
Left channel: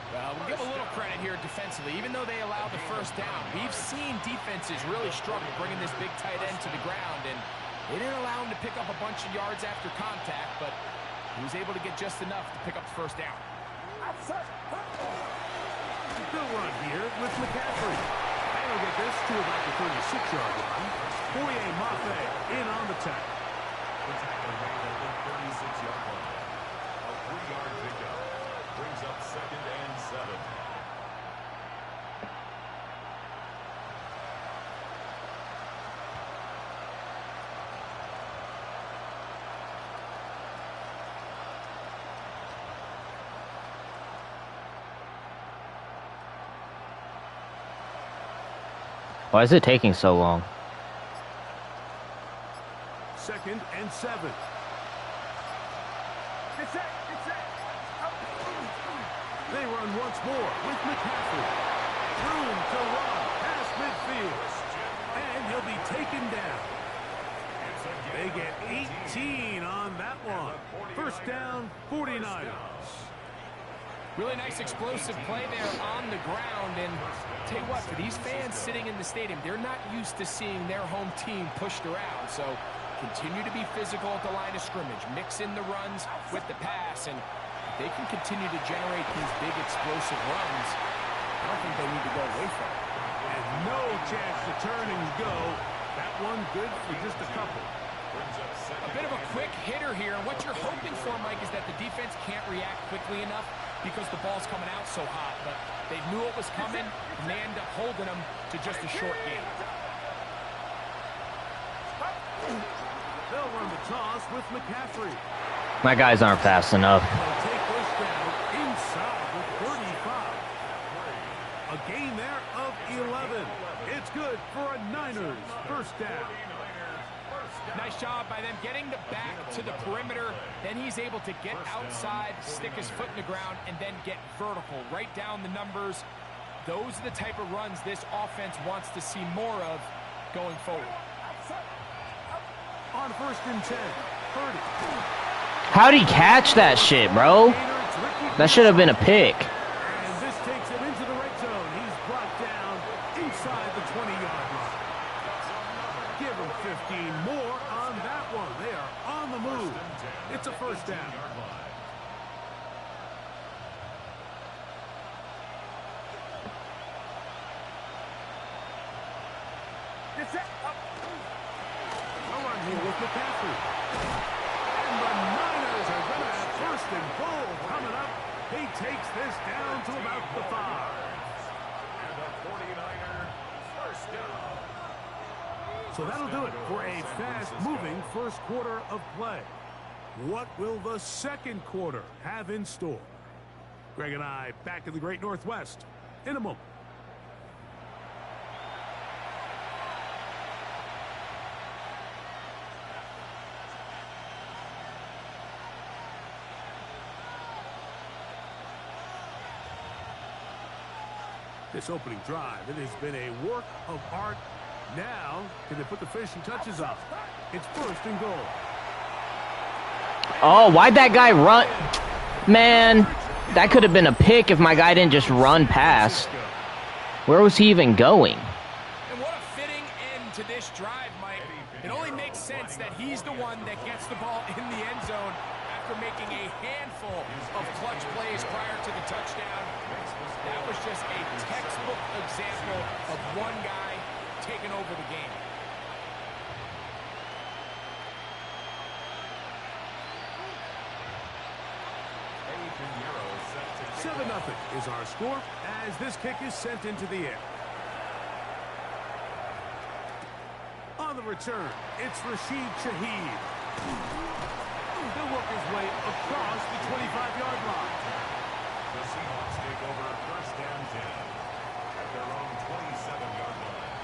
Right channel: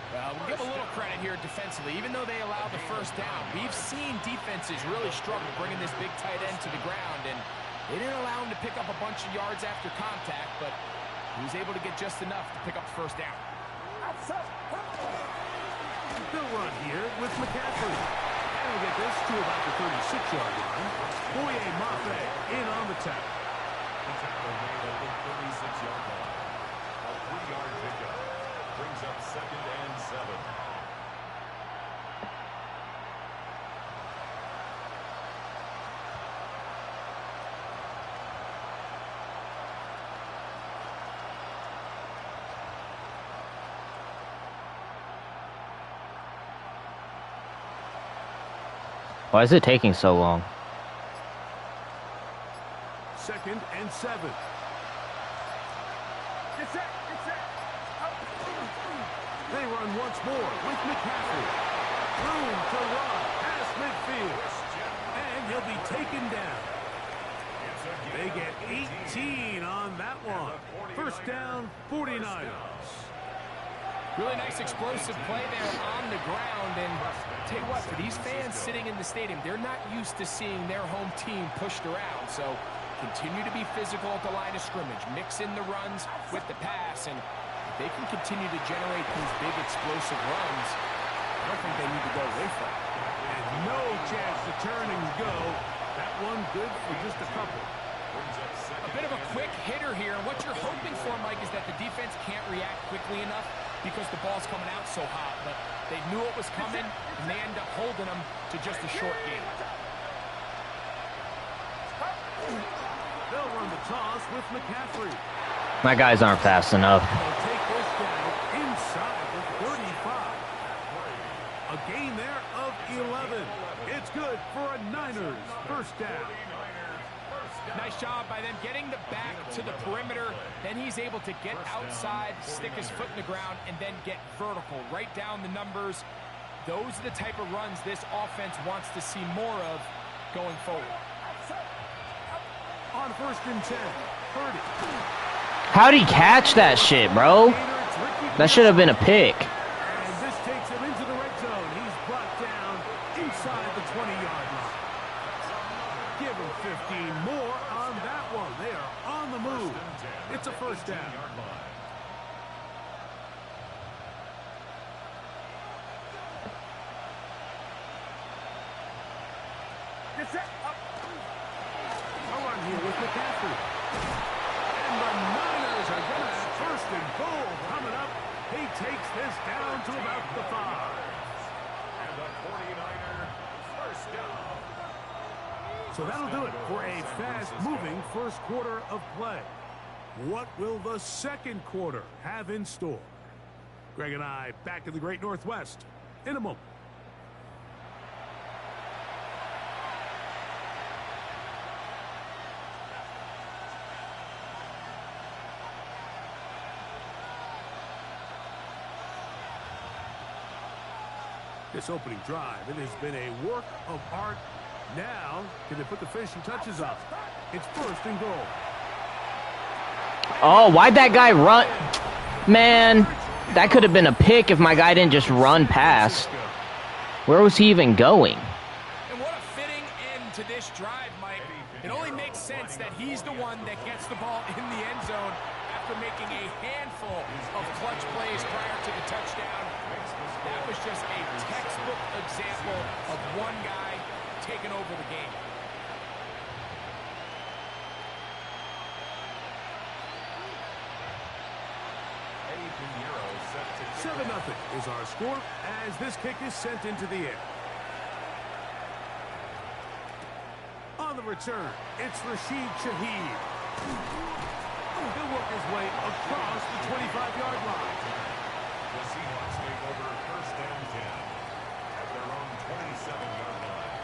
We'll give a little credit here defensively. Even though they allowed the 1st down, we've seen defenses really struggle bringing this big tight end to the ground, and they didn't allow him to pick up a bunch of yards after contact, but he was able to get just enough to pick up the 1st down. They'll run here with McCaffrey. And he'll get this to about the 36-yard line. Boye Mafe in on the tackle. The tackle made at the 36-yard line. A 3-yard pickup. Brings up 2nd and 7. Why is it taking so long? 2nd and 7. Get set, get set. They run once more with McCaffrey. Room to run past midfield. And he'll be taken down. They get 18 on that one. 1st down, 49ers. Really nice explosive play there on the ground, and tell you what, for these fans sitting in the stadium, they're not used to seeing their home team pushed around, so continue to be physical at the line of scrimmage, mix in the runs with the pass, and if they can continue to generate these big explosive runs, I don't think they need to go away from it. And no chance to turn and go. That one good for just a couple. A bit of a quick hitter here, and what you're hoping for, Mike, is that the defense can't react quickly enough because the ball's coming out so hot, but they knew it was coming, and they end up holding them to just a short game. They'll run the toss with McCaffrey. My guys aren't fast enough. They'll take this down inside the 35. A gain there of 11. It's good for a Niners first down. Nice job by them getting the back to the perimeter. Then he's able to get outside, stick his foot in the ground, and then get vertical. Right down the numbers. Those are the type of runs this offense wants to see more of going forward. On 1st and 10, 30. How'd he catch that shit, bro? That should have been a pick. And this takes him into the red zone. He's brought down inside the 20-yard line. Give him 15 more on that one. They are on the move. It's a first down. A run here with McCaffrey. And the Niners are going to have 1st and goal coming up. He takes this down to about the 5. And the 49er first down. So that'll do it for a fast-moving first quarter of play. What will the second quarter have in store? Greg and I back in the Great Northwest in a moment. This opening drive, it has been a work of art. Now, can they put the finishing touches on? It's 1st and goal. Oh, why'd that guy run? Man, that could have been a pick if my guy didn't just run past. Where was he even going? And what a fitting end to this drive, Mike. It only makes sense that he's the one that gets the ball in the end zone after making a handful of clutch plays prior to the touchdown. That was just a textbook example of one guy taking over the game. $7-0 is our score as this kick is sent into the air. On the return, it's Rashid Shaheed. He'll work his way across the 25-yard line. The Seahawks take over 1st and 10 at their own 27-yard line.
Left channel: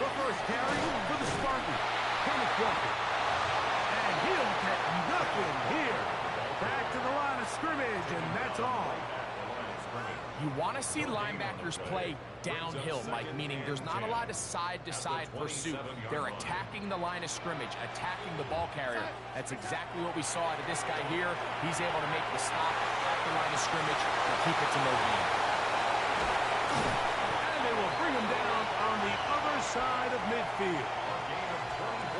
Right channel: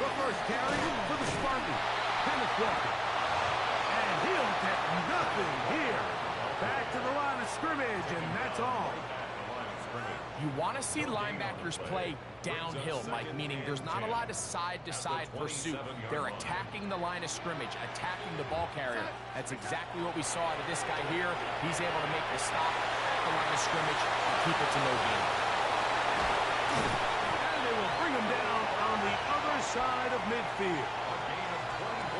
The first carry for the Spartan, Kenneth Walker. And he'll get nothing here. Back to the line of scrimmage, and that's all. You want to see linebackers play downhill, Mike, meaning there's not a lot of side-to-side pursuit. They're attacking the line of scrimmage, attacking the ball carrier. That's exactly what we saw out of this guy here. He's able to make the stop at the line of scrimmage and keep it to no gain. And they will bring him down on the other side of midfield.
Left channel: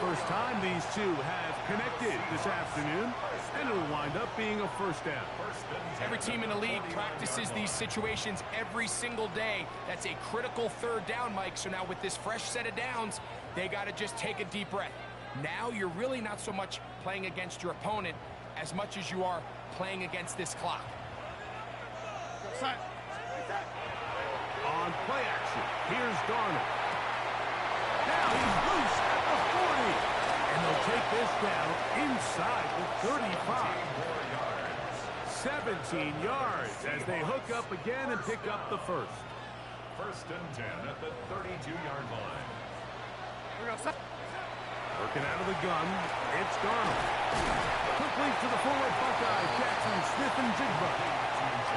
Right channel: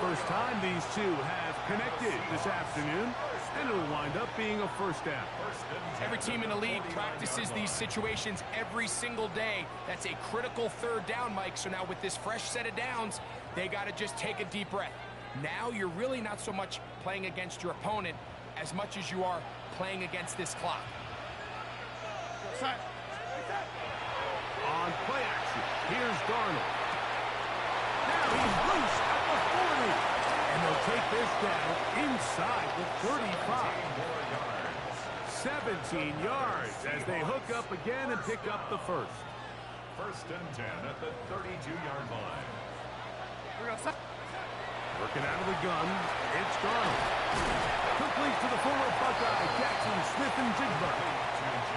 First time these two have connected this afternoon, and it'll wind up being a first down. Every team in the league practices these situations every single day. That's a critical 3rd down, Mike. So now with this fresh set of downs, they got to just take a deep breath. Now you're really not so much playing against your opponent as much as you are playing against this clock. On play action, here's Darnold. Now he's loose at the 40. And they'll take this down inside the 35. 17 yards as they hook up again and pick up the first. 1st and 10 at the 32-yard line. Working out of the gun, it's Darnold. Complete to the former Buckeye, Jackson Smith-Njigba.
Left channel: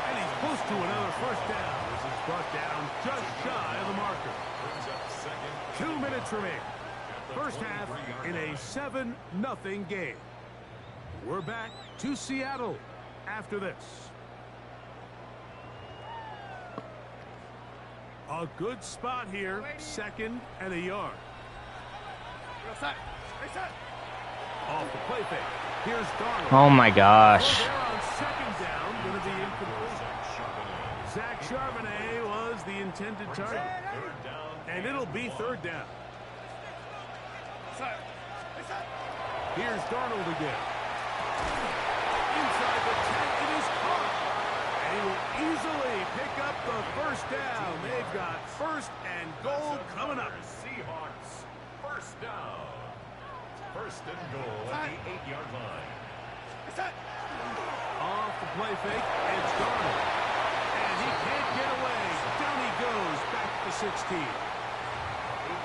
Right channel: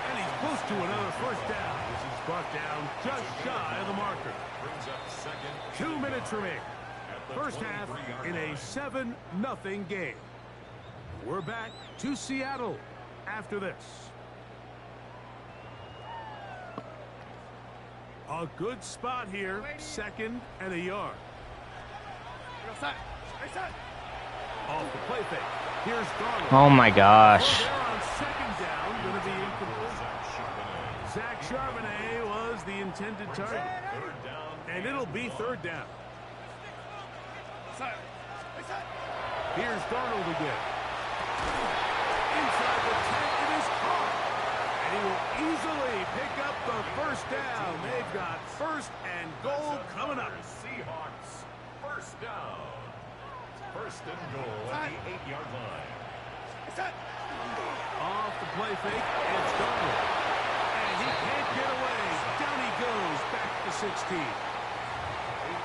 And he's close to another first down. This is brought down just shy of the marker. 2 minutes remaining. First half in a 7-0 game. We're back to Seattle after this. A good spot here, 2nd and a yard. Off the play fake. Here's Darnold. Oh my gosh. They're on 2nd down, going to be incomplete. Zach Charbonnet was the intended target. And it'll be 3rd down. Here's Darnold again. inside the 10. It is caught. And he will easily pick up the first down. They've got first and goal coming up. Seahawks, first down. First and goal at the 8-yard line. Off the play fake, it's Darnold. And he can't get away. Down he goes, back to 16.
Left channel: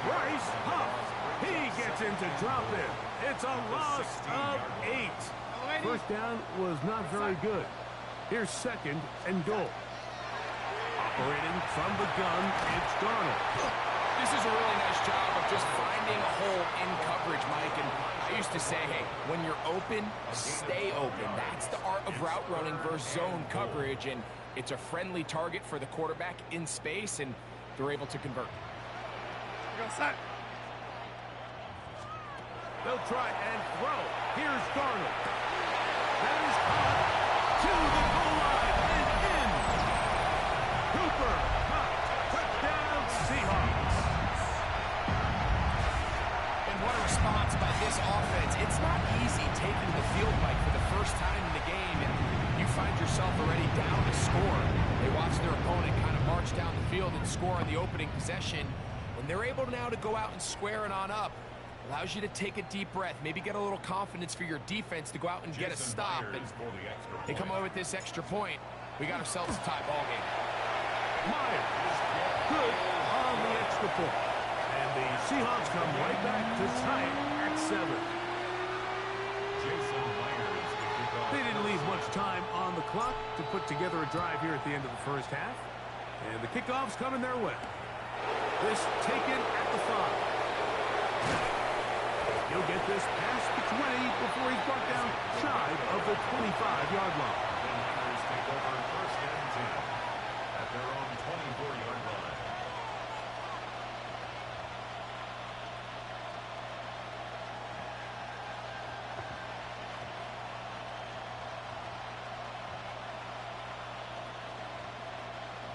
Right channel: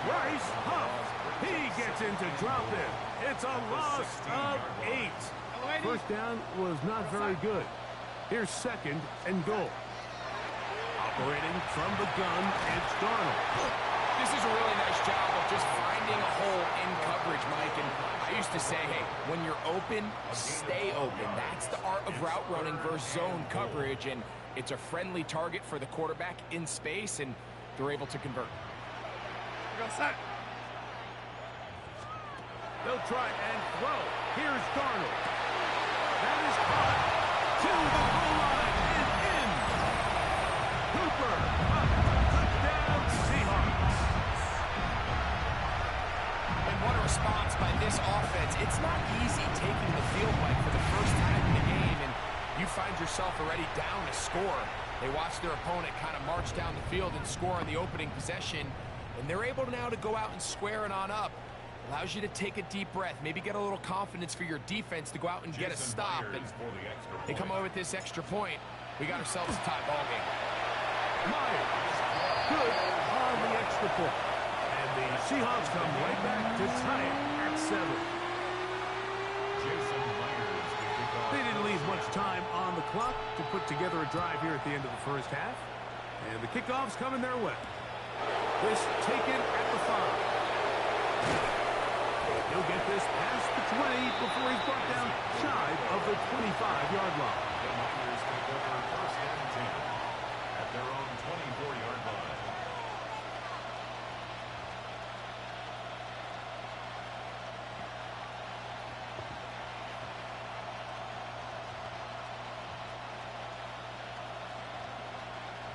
Bryce Huff, he gets into drop in. It's a loss of 8. First down was not very good. Here's second and goal. Operating from the gun, it's Darnold. This is a really nice job of just finding a hole in coverage, Mike. And I used to say, hey, when you're open, stay open. That's the art of route running versus zone coverage. And it's a friendly target for the quarterback in space, and they're able to convert. They'll try and throw. Here's Darnold. That is caught to the goal line and in. Cooper, touchdown Seahawks. And what a response by this offense. It's not easy taking the field, Mike, for the first time in the game, and you find yourself already down to score. They watch their opponent kind of march down the field and score on the opening possession, and they're able now to go out and square it on up. Allows you to take a deep breath, maybe get a little confidence for your defense to go out and get a stop. And they come away with this extra point. We got ourselves a tie ball game. Myers, good on the extra point. And the Seahawks come right back to tie it at 7. Jason Myers to kick off. They didn't leave much time on the clock to put together a drive here at the end of the first half. And the kickoff's coming their way. This taken at the 5. He'll get this past the 20 before he's brought down shy of the 25-yard line. The Niners take over first and 10 at their own 24-yard line.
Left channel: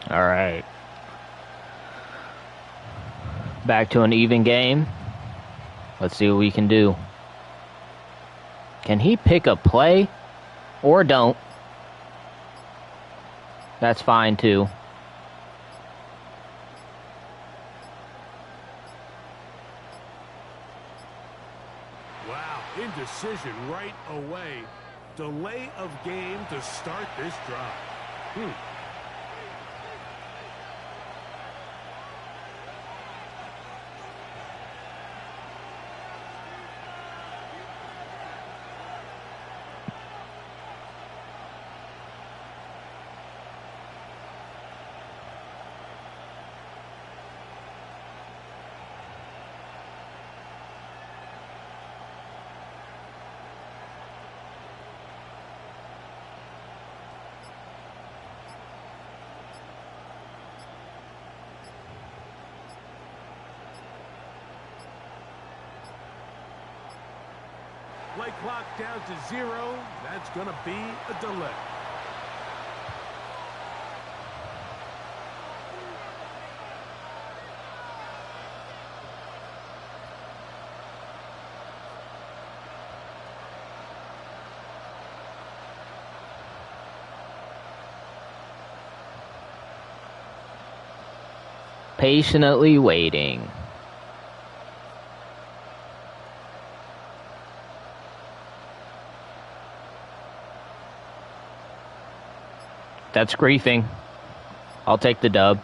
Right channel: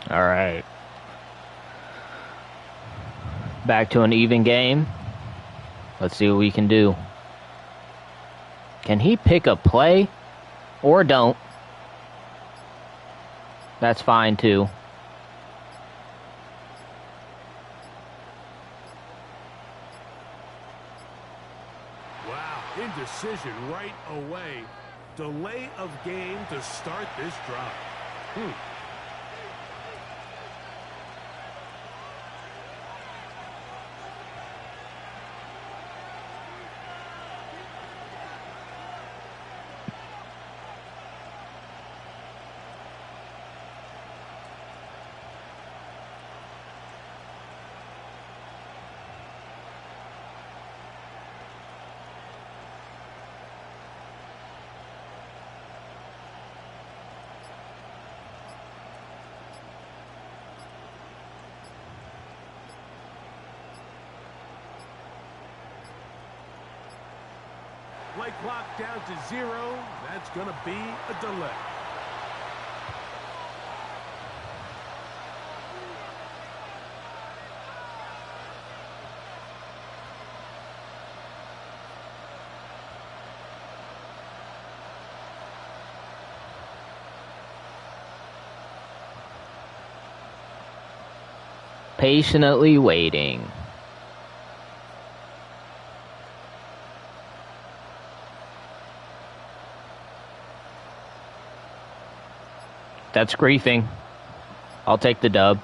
All right. Back to an even game. Let's see what we can do. Can he pick a play? Or don't? That's fine too. Wow, indecision right away. Delay of game to start this drive. Play clock down to 0. That's going to be a delay. Patiently waiting. That's griefing. I'll take the dub.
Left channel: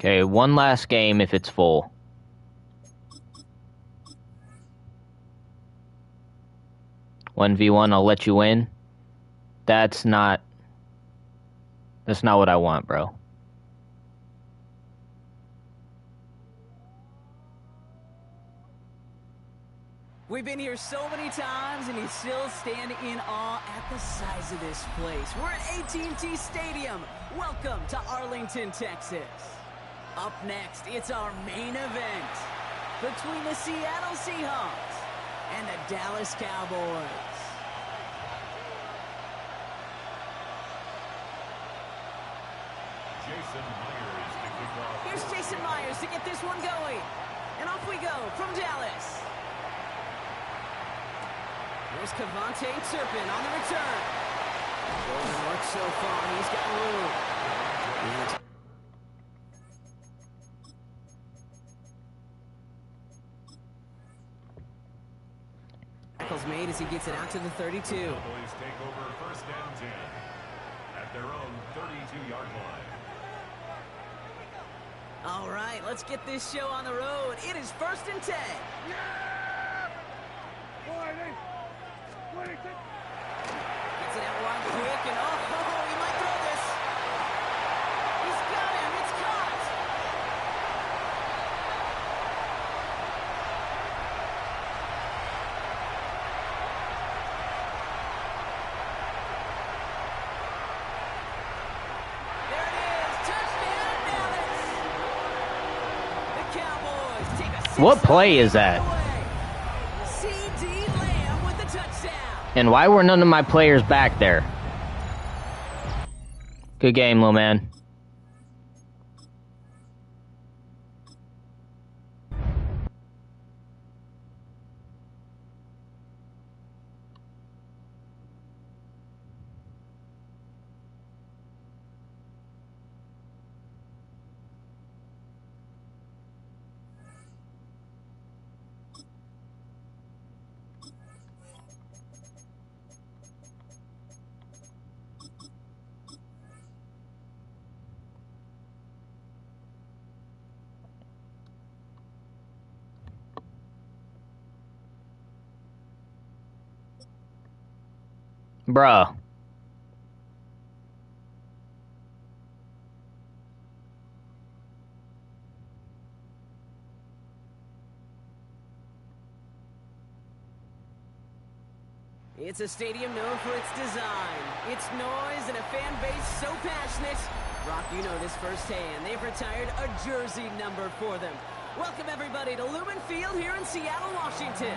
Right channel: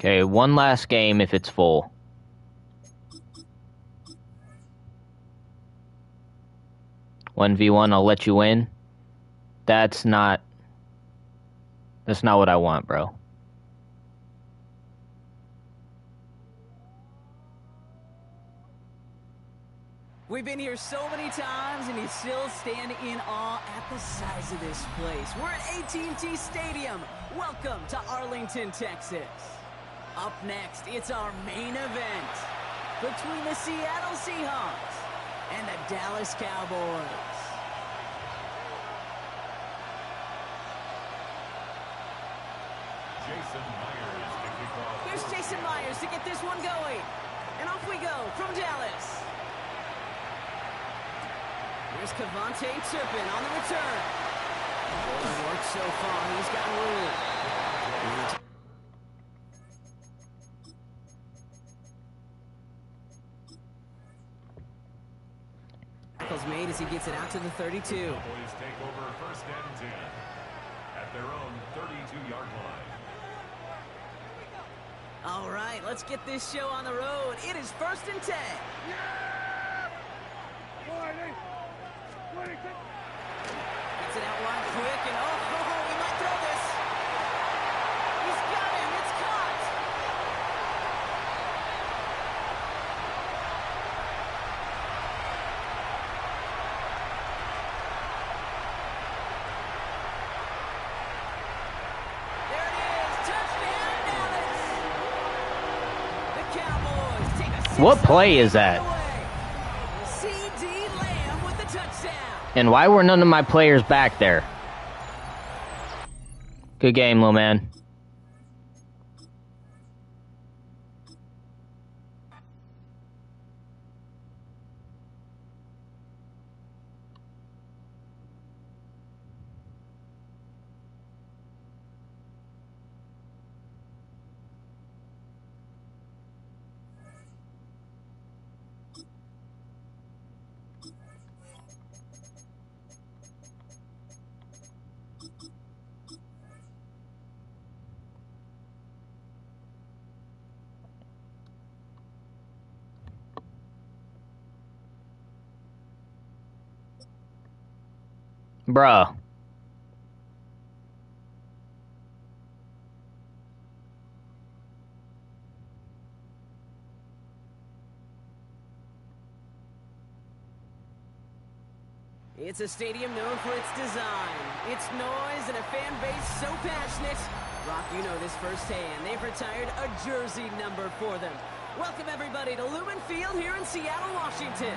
Okay, one last game if it's full. One v one, I'll let you win. That's not what I want, bro. We've been here so many times, and you still stand in awe at the size of this place. We're at AT&T Stadium. Welcome to Arlington, Texas. Up next, it's our main event between the Seattle Seahawks and the Dallas Cowboys. Jason Myers to kick off. Here's Jason Myers to get this one going. And off we go from Dallas. Here's Cavante Turpin on the return. Golden works so far. He's got room. Tackle's made as he gets it out to the 32. Cowboys take over 1st and 10 at their own 32-yard line. All right, let's get this show on the road. It is 1st and 10. Gets it out wide quick, and oh, he might throw this. He's got him. It's caught. There it is. Touchdown, Dallas. The Cowboys take a 6-0 What play is that? away. C.D. Lamb with the touchdown. And why were none of my players back there? Good game, little man. Bruh. It's a stadium known for its design, its noise, and a fan base so passionate. Brock, you know this firsthand. They've retired a jersey number for them. Welcome, everybody, to Lumen Field here in Seattle, Washington.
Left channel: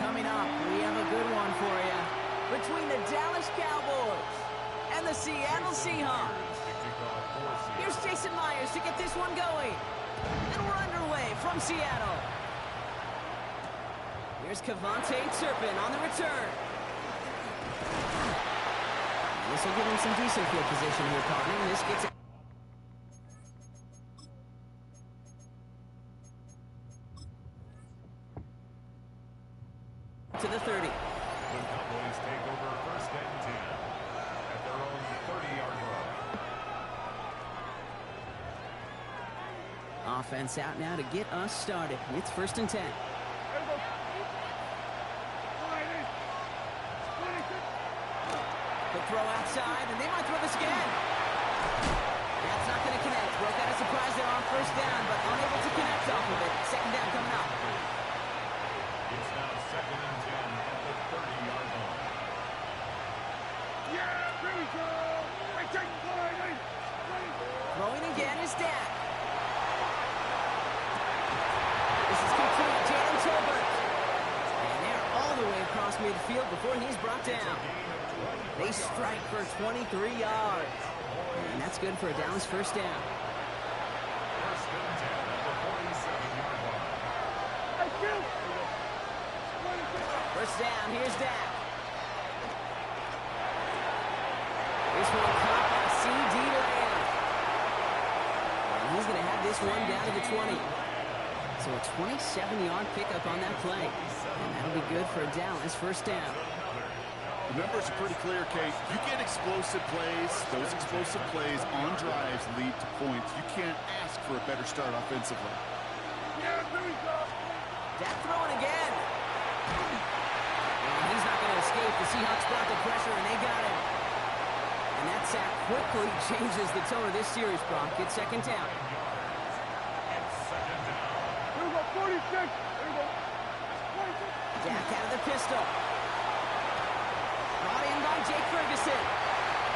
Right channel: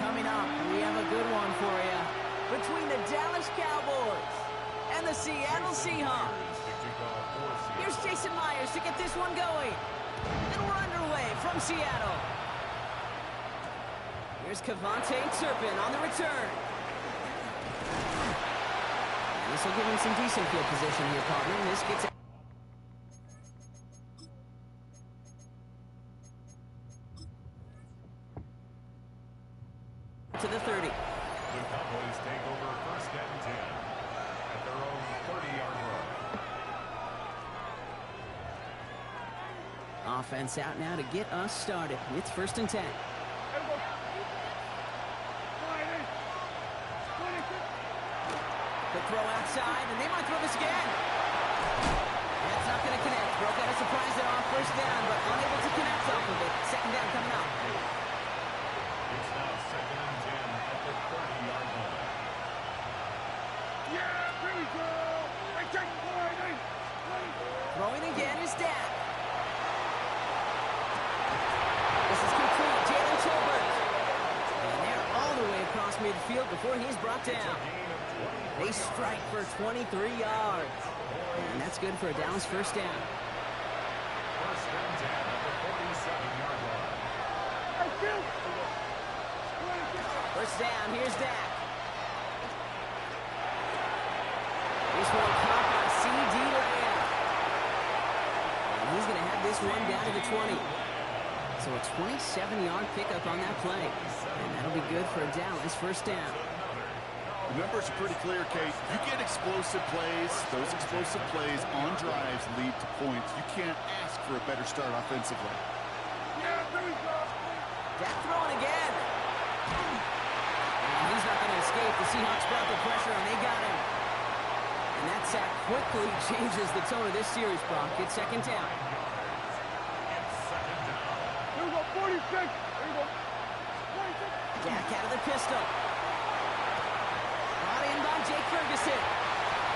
Coming up, we have a good one for you. Between the Dallas Cowboys and the Seattle Seahawks. Here's Jason Myers to get this one going. And we're underway from Seattle. Here's Cavante Turpin on the return. And this will give him some decent field position here, partner. And this gets it to the 30. The Cowboys take over 1st and 10 at their own 30-yard line. Offense out now to get us started. It's 1st and 10. The throw outside, and they might throw this again. That's not going to connect. Broke out a surprise there on 1st down, but unable to connect off of it. 2nd down coming up. It's now 2nd and 10 at the 30-yard line. Yeah, here we go. I take line. Throwing again is Dak. This is complete. Jalen Tolbert. And they're all the way across midfield before he's brought down. They strike for 23 yards. And that's good for a Dallas 1st down. 1st and 10 at the 47-yard line. 1st down, here's Dak. This one caught by C.D. Lamb. And he's going to have this one down to the 20. So a 27-yard pickup on that play. And that'll be good for a Dallas 1st down. The numbers are pretty clear, Kate. You get explosive plays. Those explosive plays on drives lead to points. You can't ask for a better start offensively. Yeah, there we go. Dak throwing again. And he's not going to escape. The Seahawks brought the pressure, and they got him. And that sack quickly changes the tone of this series, Brock. It's 2nd down. It's 2nd down. Here we go, 46. There you go. 46. Back out of the pistol. Brought in by Jake Ferguson.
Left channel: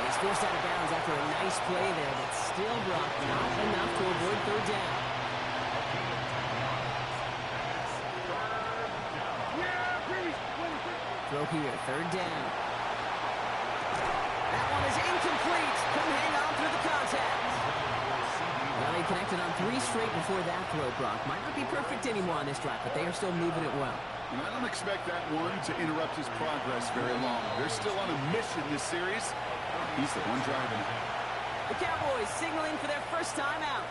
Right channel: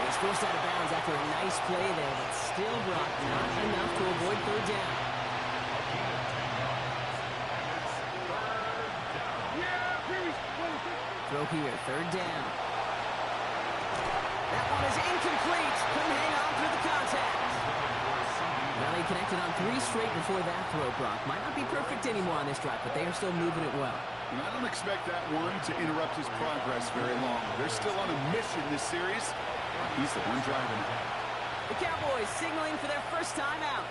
He's forced out of bounds after a nice play there, but still, Brock, not enough to avoid third down. Throw here, third down. That one is incomplete. Couldn't hang on through the contact. Well, he connected on 3 straight before that throw, Brock. Might not be perfect anymore on this drive, but they are still moving it well. And I don't expect that one to interrupt his progress very long. They're still on a mission this series. He's the one driving it. The Cowboys signaling for their first time out.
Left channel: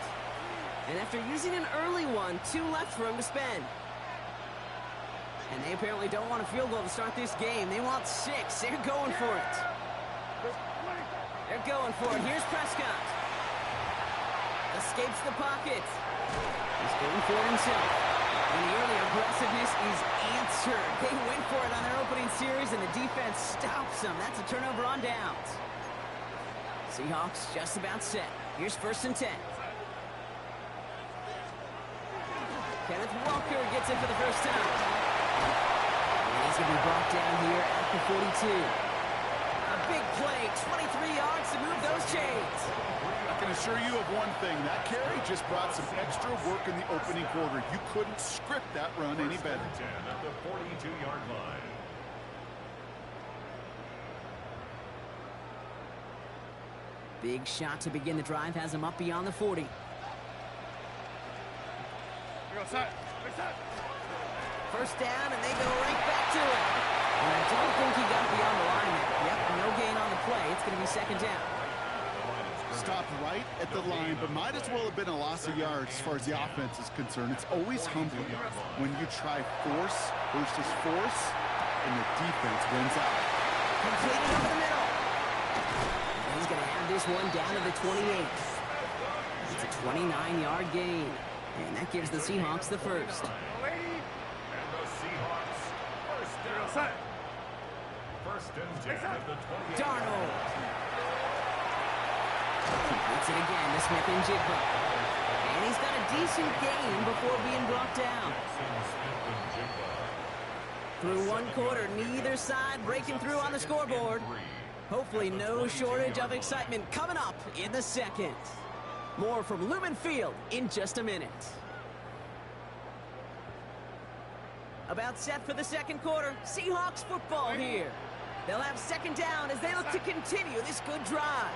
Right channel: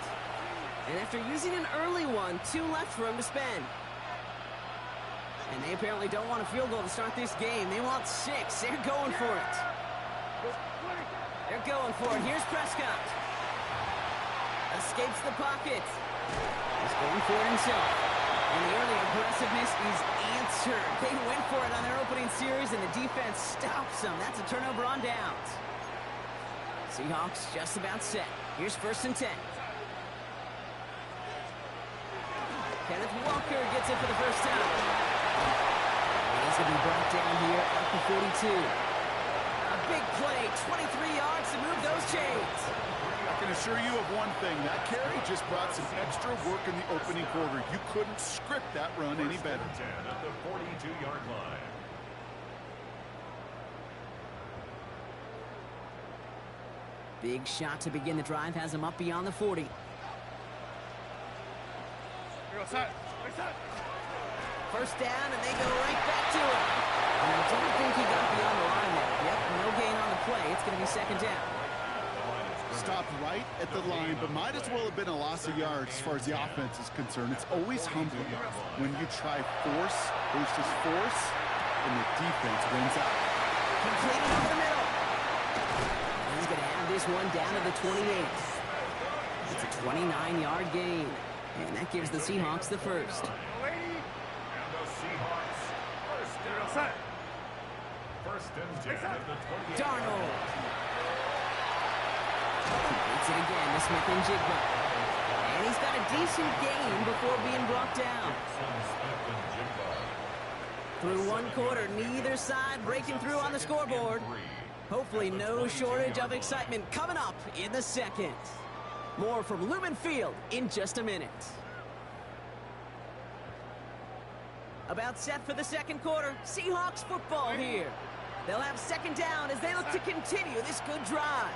And after using an early one, 2 left for him to spend. And they apparently don't want a field goal to start this game. They want 6. They're going for it. They're going for it. Here's Prescott. Escapes the pocket. He's going for it himself. And the early aggressiveness is answered. They went for it on their opening series, and the defense stops them. That's a turnover on downs. Seahawks just about set. Here's 1st and 10. Kenneth Walker gets it for the first time. And he's going to be brought down here at the 42. A big play, 23 yards to move those chains. I can assure you of one thing. That carry just brought some extra work in the opening quarter. You couldn't script that run any better. 10 at the 42-yard line. Big shot to begin the drive has him up beyond the 40. First down, and they go right back to it. And I don't think he got beyond the line there. Yep, no gain on the play. It's going to be 2nd down. Stopped right at the line, but might as well have been a loss of yards as far as the offense is concerned. It's always humbling when you try force versus force, and the defense wins out. Completed over the middle. And he's going to have this one down to the 28. It's a 29-yard gain. And that gives the Seahawks the first. And the Seahawks first down. 1st and 10 at the 28. Darnold. Completes it again to Smith and Jigba. And he's got a decent gain before being brought down. Through 1 quarter, neither side breaking through on the scoreboard. Hopefully no shortage of excitement coming up in the 2nd. More from Lumen Field in just a minute. About set for the 2nd quarter. Seahawks football here. They'll have 2nd down as they look to continue this good drive.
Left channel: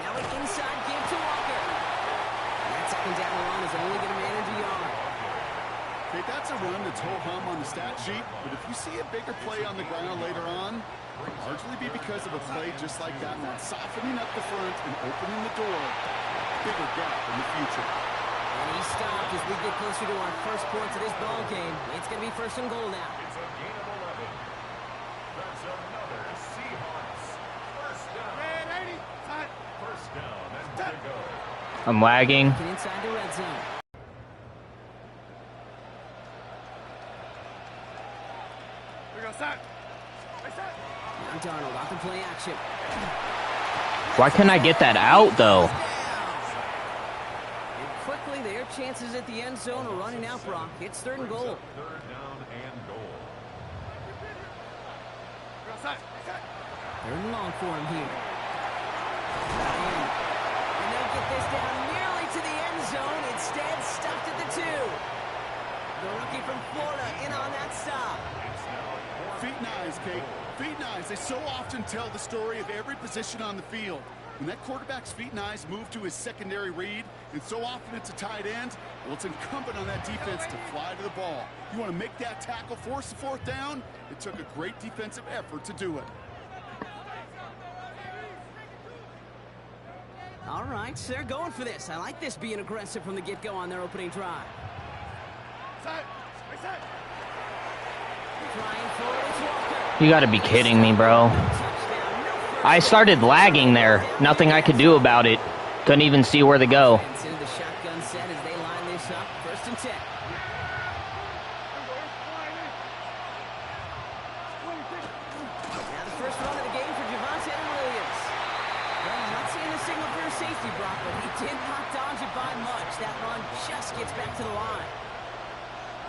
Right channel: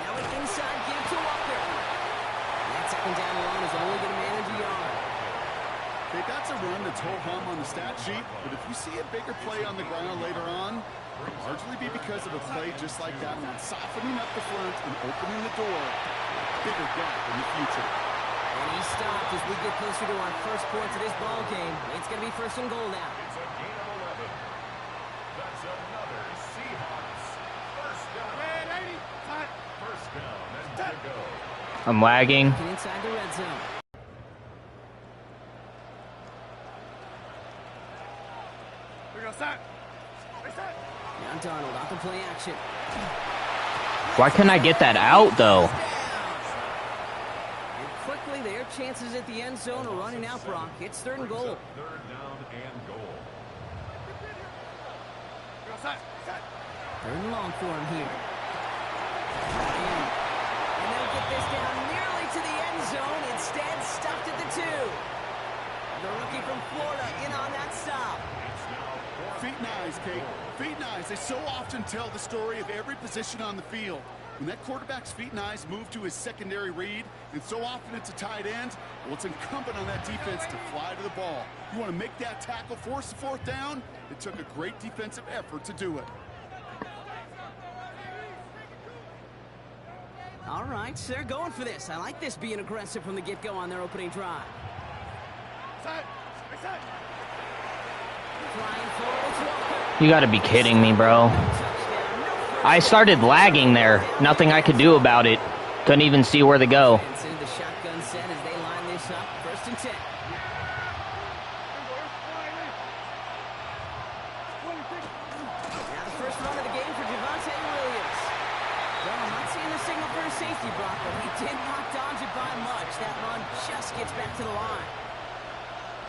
Now an inside give to Walker. And that 2nd down run is only going to manage a yard. Okay, that's a run that's ho-hum on the stat sheet, but if you see a bigger play on the ground later on, it'll largely be because of a play just like that one, softening up the front and opening the door, bigger gap in the future. And he stopped as we get closer to our first points of this ball game. It's going to be 1st and goal now. It's a gain of 11. That's another Seahawks first down. 1st down and to go. I'm lagging. Get inside the red zone. Now Darnold off the play action. Why can't I get that out, though? And quickly, their chances at the end zone are running out, Brock. It's 3rd and goal. 3rd down and goal. 3rd and long for him here. And they'll get this down nearly to the end zone. Instead, stopped at the 2. The rookie from Florida in on that stop. Feet and eyes, Kate. Feet and eyes. They so often tell the story of every position on the field. When that quarterback's feet and eyes move to his secondary read, and so often it's a tight end, well, it's incumbent on that defense to fly to the ball. You want to make that tackle, force the 4th down? It took a great defensive effort to do it. All right, so they're going for this. I like this being aggressive from the get-go on their opening drive. Trying for it, it's Walker. You gotta be kidding me, bro. I started lagging there. Nothing I could do about it. Couldn't even see where to go. Into the shotgun set as they line this up. 1st and 10. Now the first run of the game for Javonte Williams. Well, I'm not seeing the signal for a safety, Brock, but he did not dodge it by much. That run just gets back to the line.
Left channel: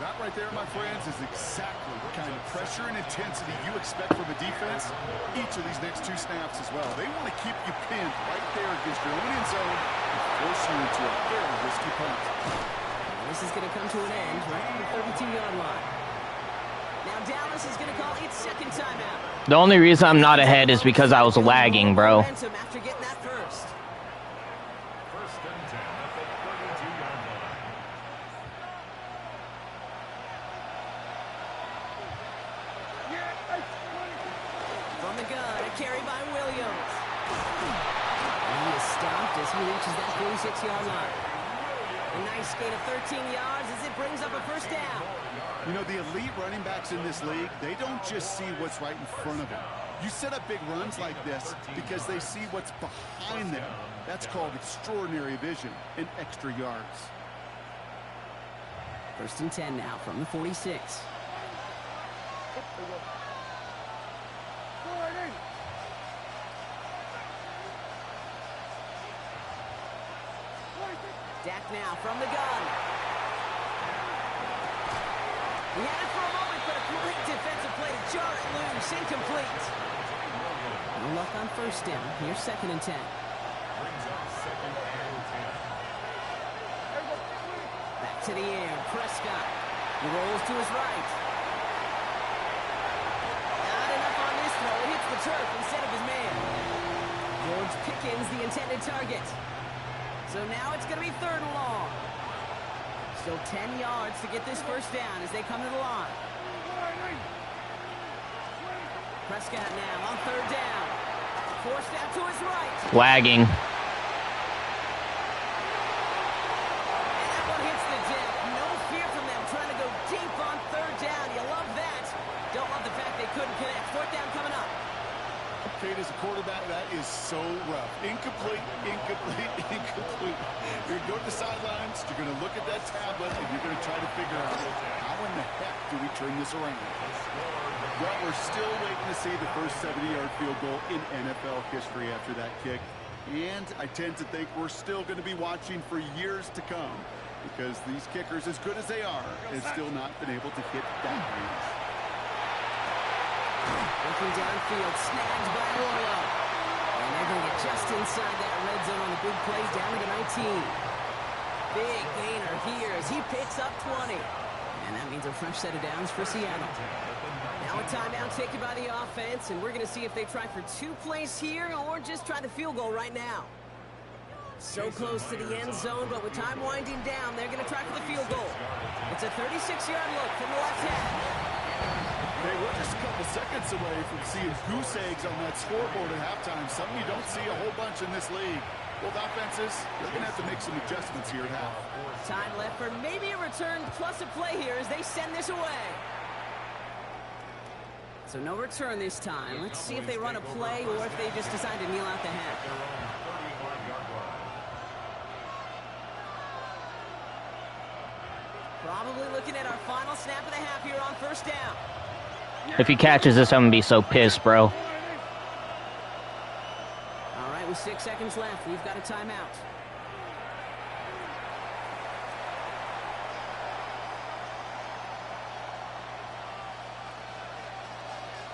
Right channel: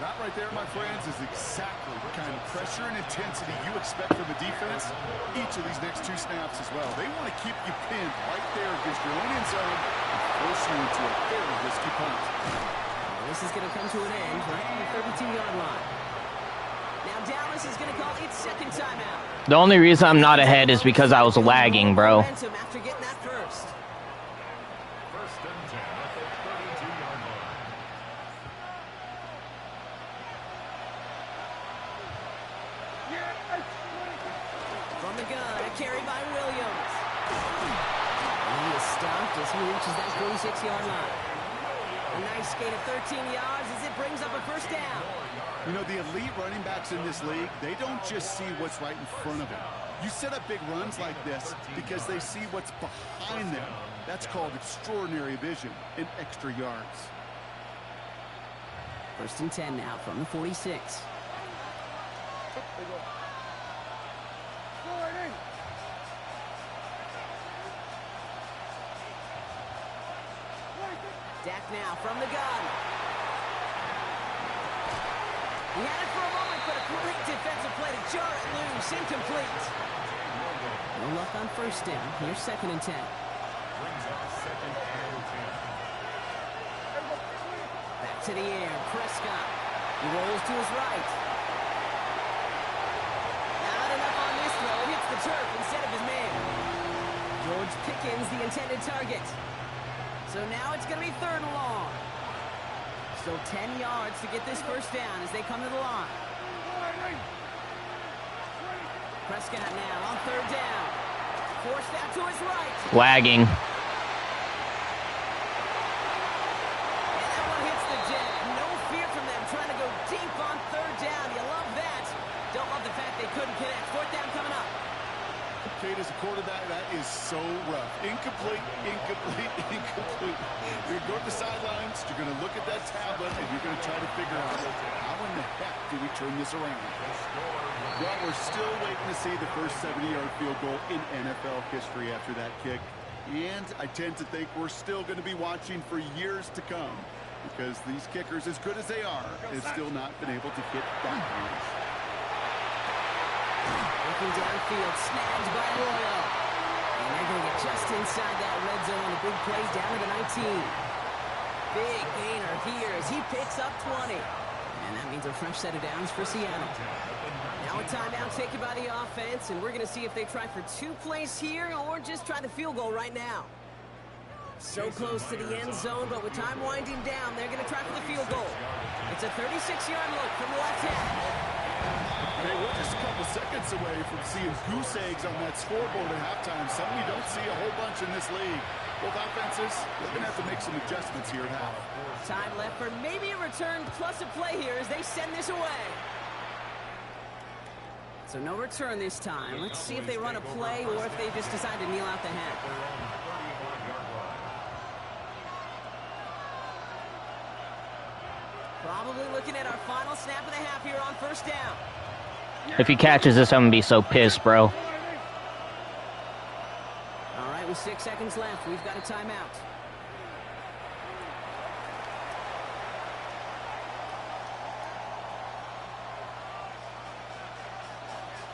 That right there, my friends, is exactly the kind of pressure and intensity you expect from a defense each of these next 2 snaps as well. They want to keep you pinned right there against your own end zone and force you into a very risky punt. Well, this is going to come to an end right on the 32-yard line. Now Dallas is going to call its second timeout. The only reason I'm not ahead is because I was lagging, bro. After getting that first. First and 10 at the 32-yard line. From the gun, a carry by Williams. And he is stopped as he reaches that 46-yard line. A nice gain of 13 yards as it brings up a first down. You know, the elite running backs in this league, they don't just see what's right in front of them. You set up big runs like this because they see what's behind them. That's called extraordinary vision and extra yards. First and 10 now from the 46. Dak now from the gun. He had it for a moment, but a great defensive play to jar it loose. Incomplete. No luck on first down. Here's second and 10. Brings up second and 10. Back to the air. Prescott. He rolls to his right. Not enough on this throw. It hits the turf instead of his man. George Pickens, the intended target. So now it's going to be third and long. Still 10 yards to get this first down as they come to the line. Prescott now on third down. Forced out to his right. Lagging. And that one hits the deck. No fear from them trying to go deep on third down. You love that. Don't love the fact they couldn't connect. Fourth down coming up. Kate, as a quarterback, that is so rough. Incomplete, incomplete, incomplete. You're going to go to the sidelines, you're going to look at that tablet, and you're going to try to figure out, how in the heck do we turn this around? Well, we're still waiting to see the first 70-yard field goal in NFL history after that kick. And I tend to think we're still going to be watching for years to come because these kickers, as good as they are, have still not been able to hit that range. Looking downfield, snagged by Arroyo. And they're going to get just inside that red zone on a big play down to the 19. Big gainer here as he picks up 20. And that means a fresh set of downs for Seattle. Now a timeout taken by the offense, and we're going to see if they try for 2 plays here or just try the field goal right now. So close to the end zone, but with time winding down, they're going to try for the field goal. It's a 36-yard look from the left hand. Hey, we're just a couple seconds away from seeing goose eggs on that scoreboard at halftime. Something you don't see a whole bunch in this league. Both offenses, they're going to have to make some adjustments here at half. Time left for maybe a return plus a play here as they send this away. So no return this time. Let's see if they run a play or if they just decide to kneel out the half. Probably looking at our final snap of the half here on first down. If he catches this, I'm gonna be so pissed, bro. All right, with 6 seconds left, we've got a timeout.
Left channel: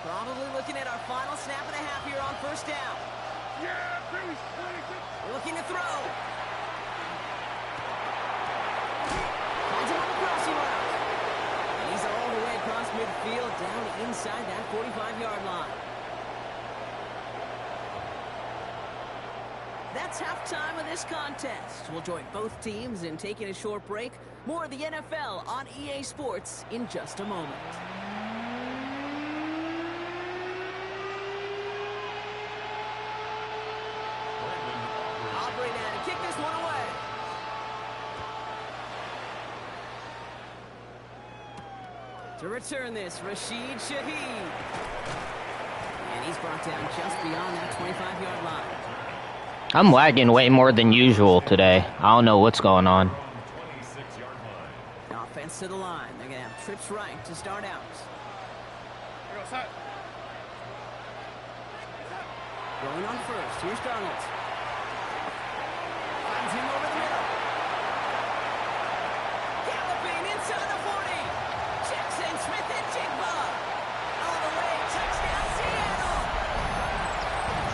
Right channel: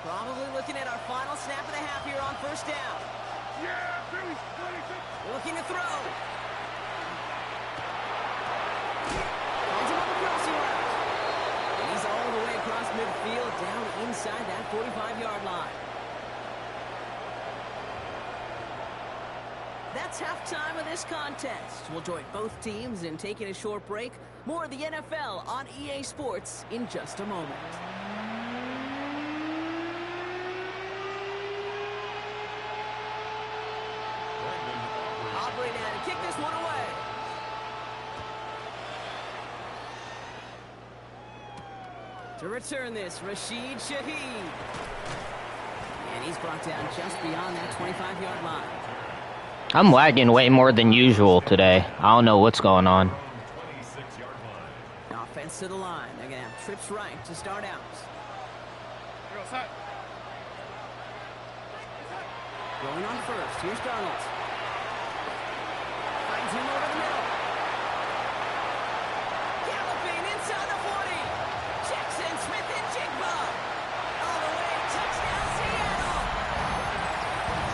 Probably looking at our final snap of the half here on first down. Looking to throw. Finds him on the crossing route. And he's all the way across midfield, down inside that 45-yard line. That's halftime of this contest. We'll join both teams in taking a short break. More of the NFL on EA Sports in just a moment. Aubrey now to kick this one away. To return this, Rashid Shaheed. And he's brought down just beyond that 25-yard line. I'm lagging way more than usual today. I don't know what's going on. Offense to the line. They're going to have trips right to start out. Going on first. Here's Darnold. Finds him over the middle. Galloping inside the 40. Jackson Smith and Jigba. All the way. Touchdown, Seattle.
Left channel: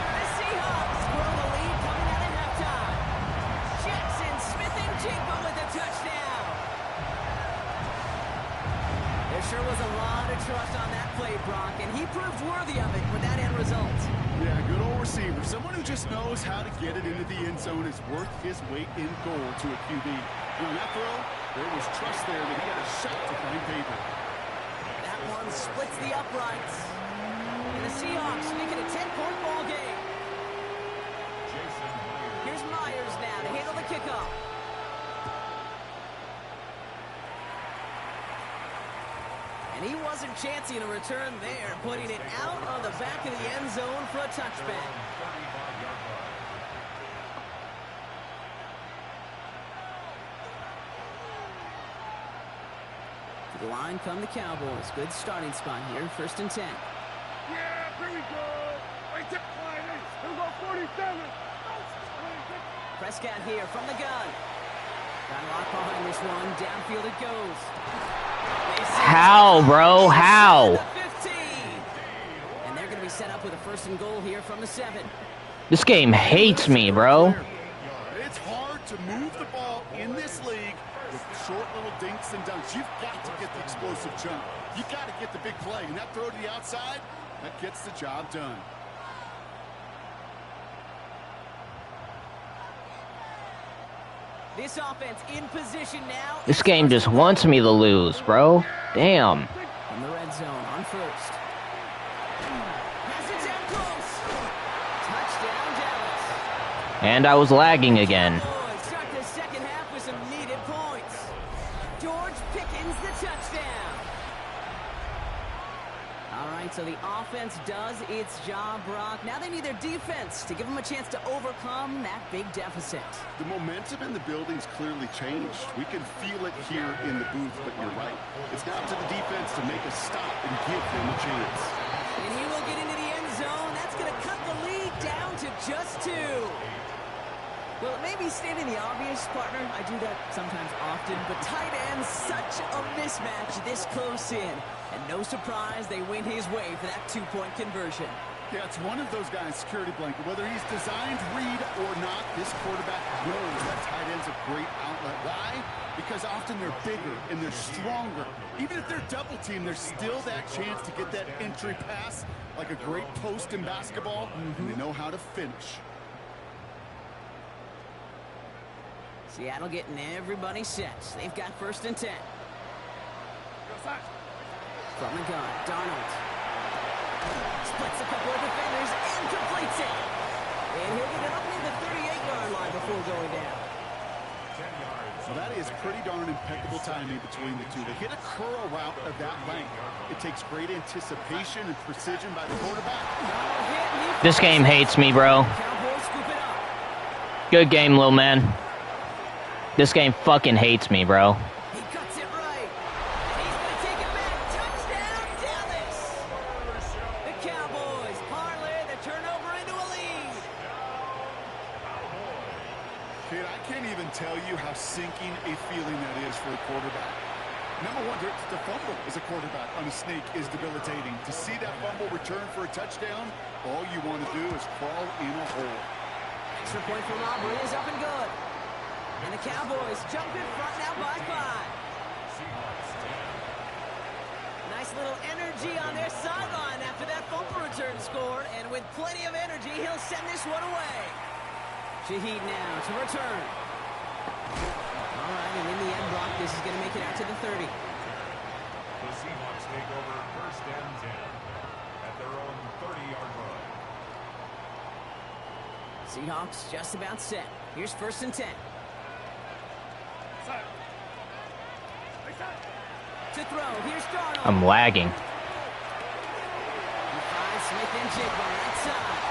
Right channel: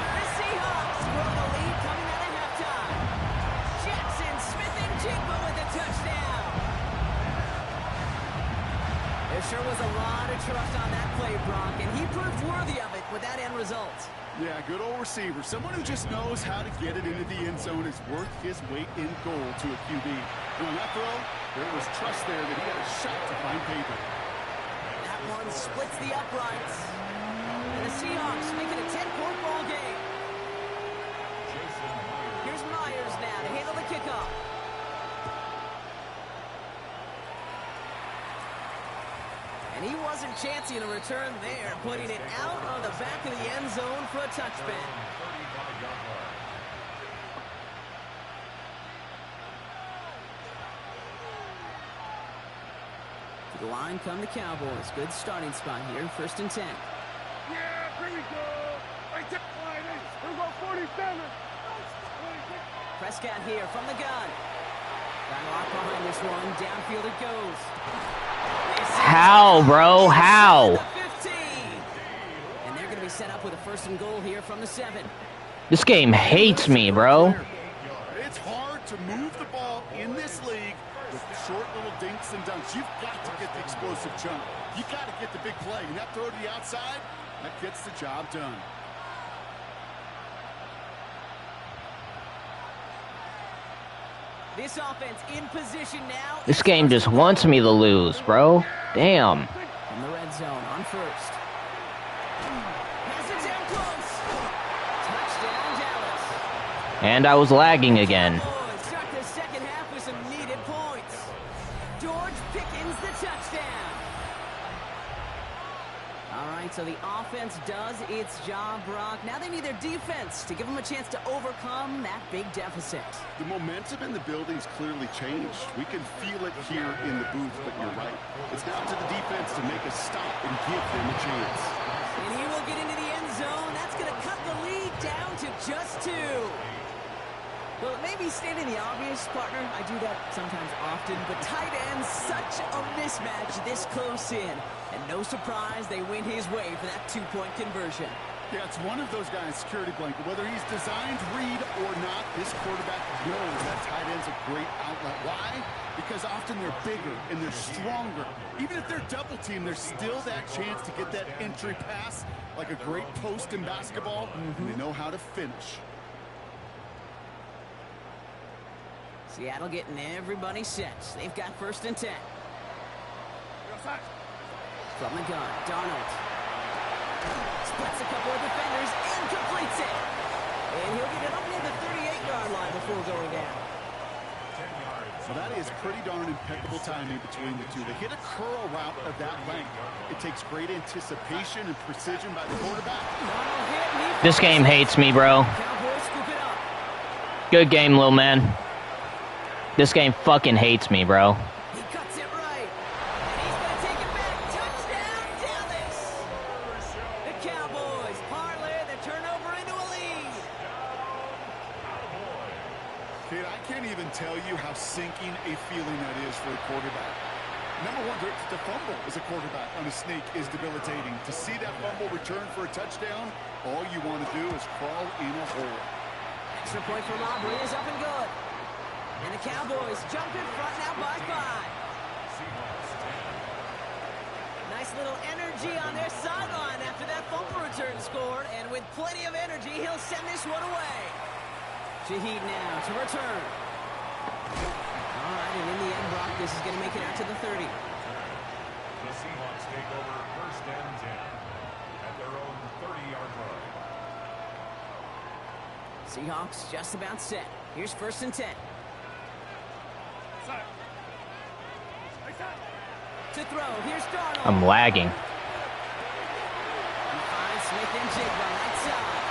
The Seahawks grow the lead coming out of halftime. Jackson Smith and Jigba with a touchdown. There sure was a lot of trust on that play, Brock, and he proved worthy of it with that end result. Yeah, good old receiver. Someone who just knows how to get it into the end zone is worth his weight in gold to a QB. And on that throw, there was trust there that he had a shot to find paper. That one splits the uprights. And the Seahawks make it a 10-point ball game. Here's Myers now to handle the kickoff. And he wasn't chancing a return there, putting it out on the back of the end zone for a touchback. To the line come the Cowboys. Good starting spot here, 1st and 10. Yeah, here we go. Right there, here we go, 47. Prescott here from the gun. Got a lot behind this one. Downfield it goes. How, bro? How? 15. And they're going to be set up with a 1st and goal here from the 7. This game hates me, bro. It's hard to move the ball in this league with short little dinks and dunks. You've got to get the explosive jump. You've got to get the big play. And that throw to the outside, that gets the job done. This offense in position now. This game just wants me to lose, bro. Damn. In the red zone on 1st. Pass it down close. Touchdown, Dallas. And I was lagging again. Start the second half with some needed points. George Pickens the touchdown. All right, so the offense does its job, Brock. Now they need their defense to give them a chance to overcome that big deficit. The momentum in the building's clearly changed. We can feel it here in the booth, but you're right. It's now up to the defense to make a stop and give them a chance. And he will get into the end zone. That's going to cut the lead down to just 2. Well, it may be stating the obvious, partner. I do that sometimes often, but tight ends, such a mismatch this close in. And no surprise, they win his way for that 2-point conversion. Yeah, it's one of those guys, security blanket. Whether he's designed read or not, this quarterback knows that tight end's a great outlet. Why? Because often they're bigger and they're stronger. Even if they're double teamed, there's still that chance to get that entry pass like a great post in basketball, and they know how to finish. Seattle getting everybody set. They've got 1st and 10. From the gun, Darnold. Splits a couple of defenders and completes it. And he'll get it up near the 38-yard line before going down. So that is pretty darn impeccable timing between the two. They hit a curl route of that length. It takes great anticipation and precision by the quarterback. This game hates me, bro. Cowboys scoop it up. Good game, little man. This game fucking hates me, bro. He cuts it right. And he's going to take it back. Touchdown, Dallas. The Cowboys parlay the turnover into a lead. Kid, I can't even tell you how sinking a feeling that is for a quarterback. Number one, to fumble as a quarterback on a sneak is debilitating. To see that fumble return for a touchdown, all you want to do is crawl in a hole. Extra point for Aubrey is up and good. And the Cowboys jump in front now by 5. Nice little energy on their sideline after that fumble return scored. And with plenty of energy, he'll send this one away. Shaheed now to return. All right, and in the end, Brock, this is going to make it out to the 30. The Seahawks take over 1st and 10 at their own 30-yard line. Seahawks just about set. Here's 1st and 10. To throw, here's Darnold. I'm lagging. He finds Smith and Jigba right side.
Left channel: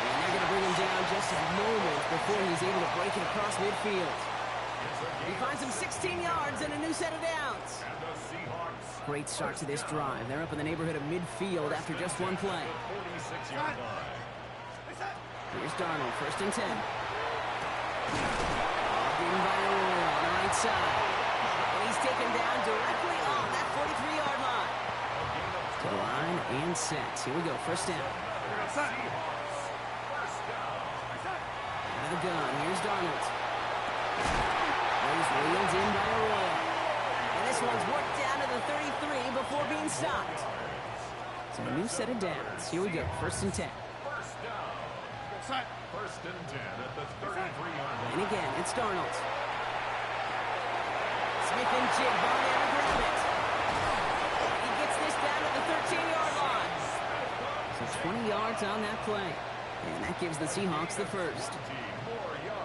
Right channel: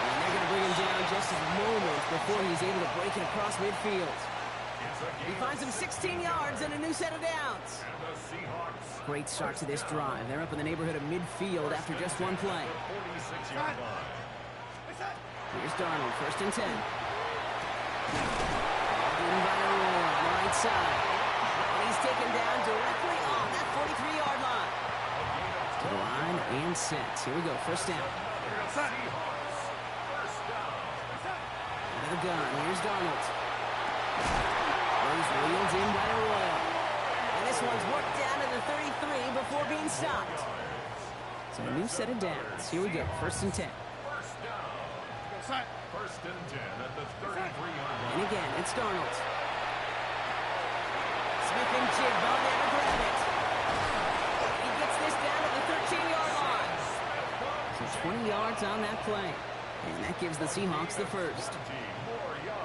And they're going to bring him down just moments before he's able to break it across midfield. He finds him 16 yards and a new set of downs. Great start to this drive. They're up in the neighborhood of midfield after just one play. Here's Darnold, 1st and 10. Ball in by Arroyo on the right side. And he's taken down directly on that 43-yard line. To the line and set. Here we go, 1st down. Out of the gun, here's Darnold. Those wheels in by Arroyo. And this one's worked down to the 33 before being stopped. So a new set of downs. Here we go, 1st and 10. First and 10 at the 33-yard line. And again, it's Darnold. Smith and Jigba there to grab it. And he gets this down to the 13-yard line. So 20 yards on that play. And that gives the Seahawks the first.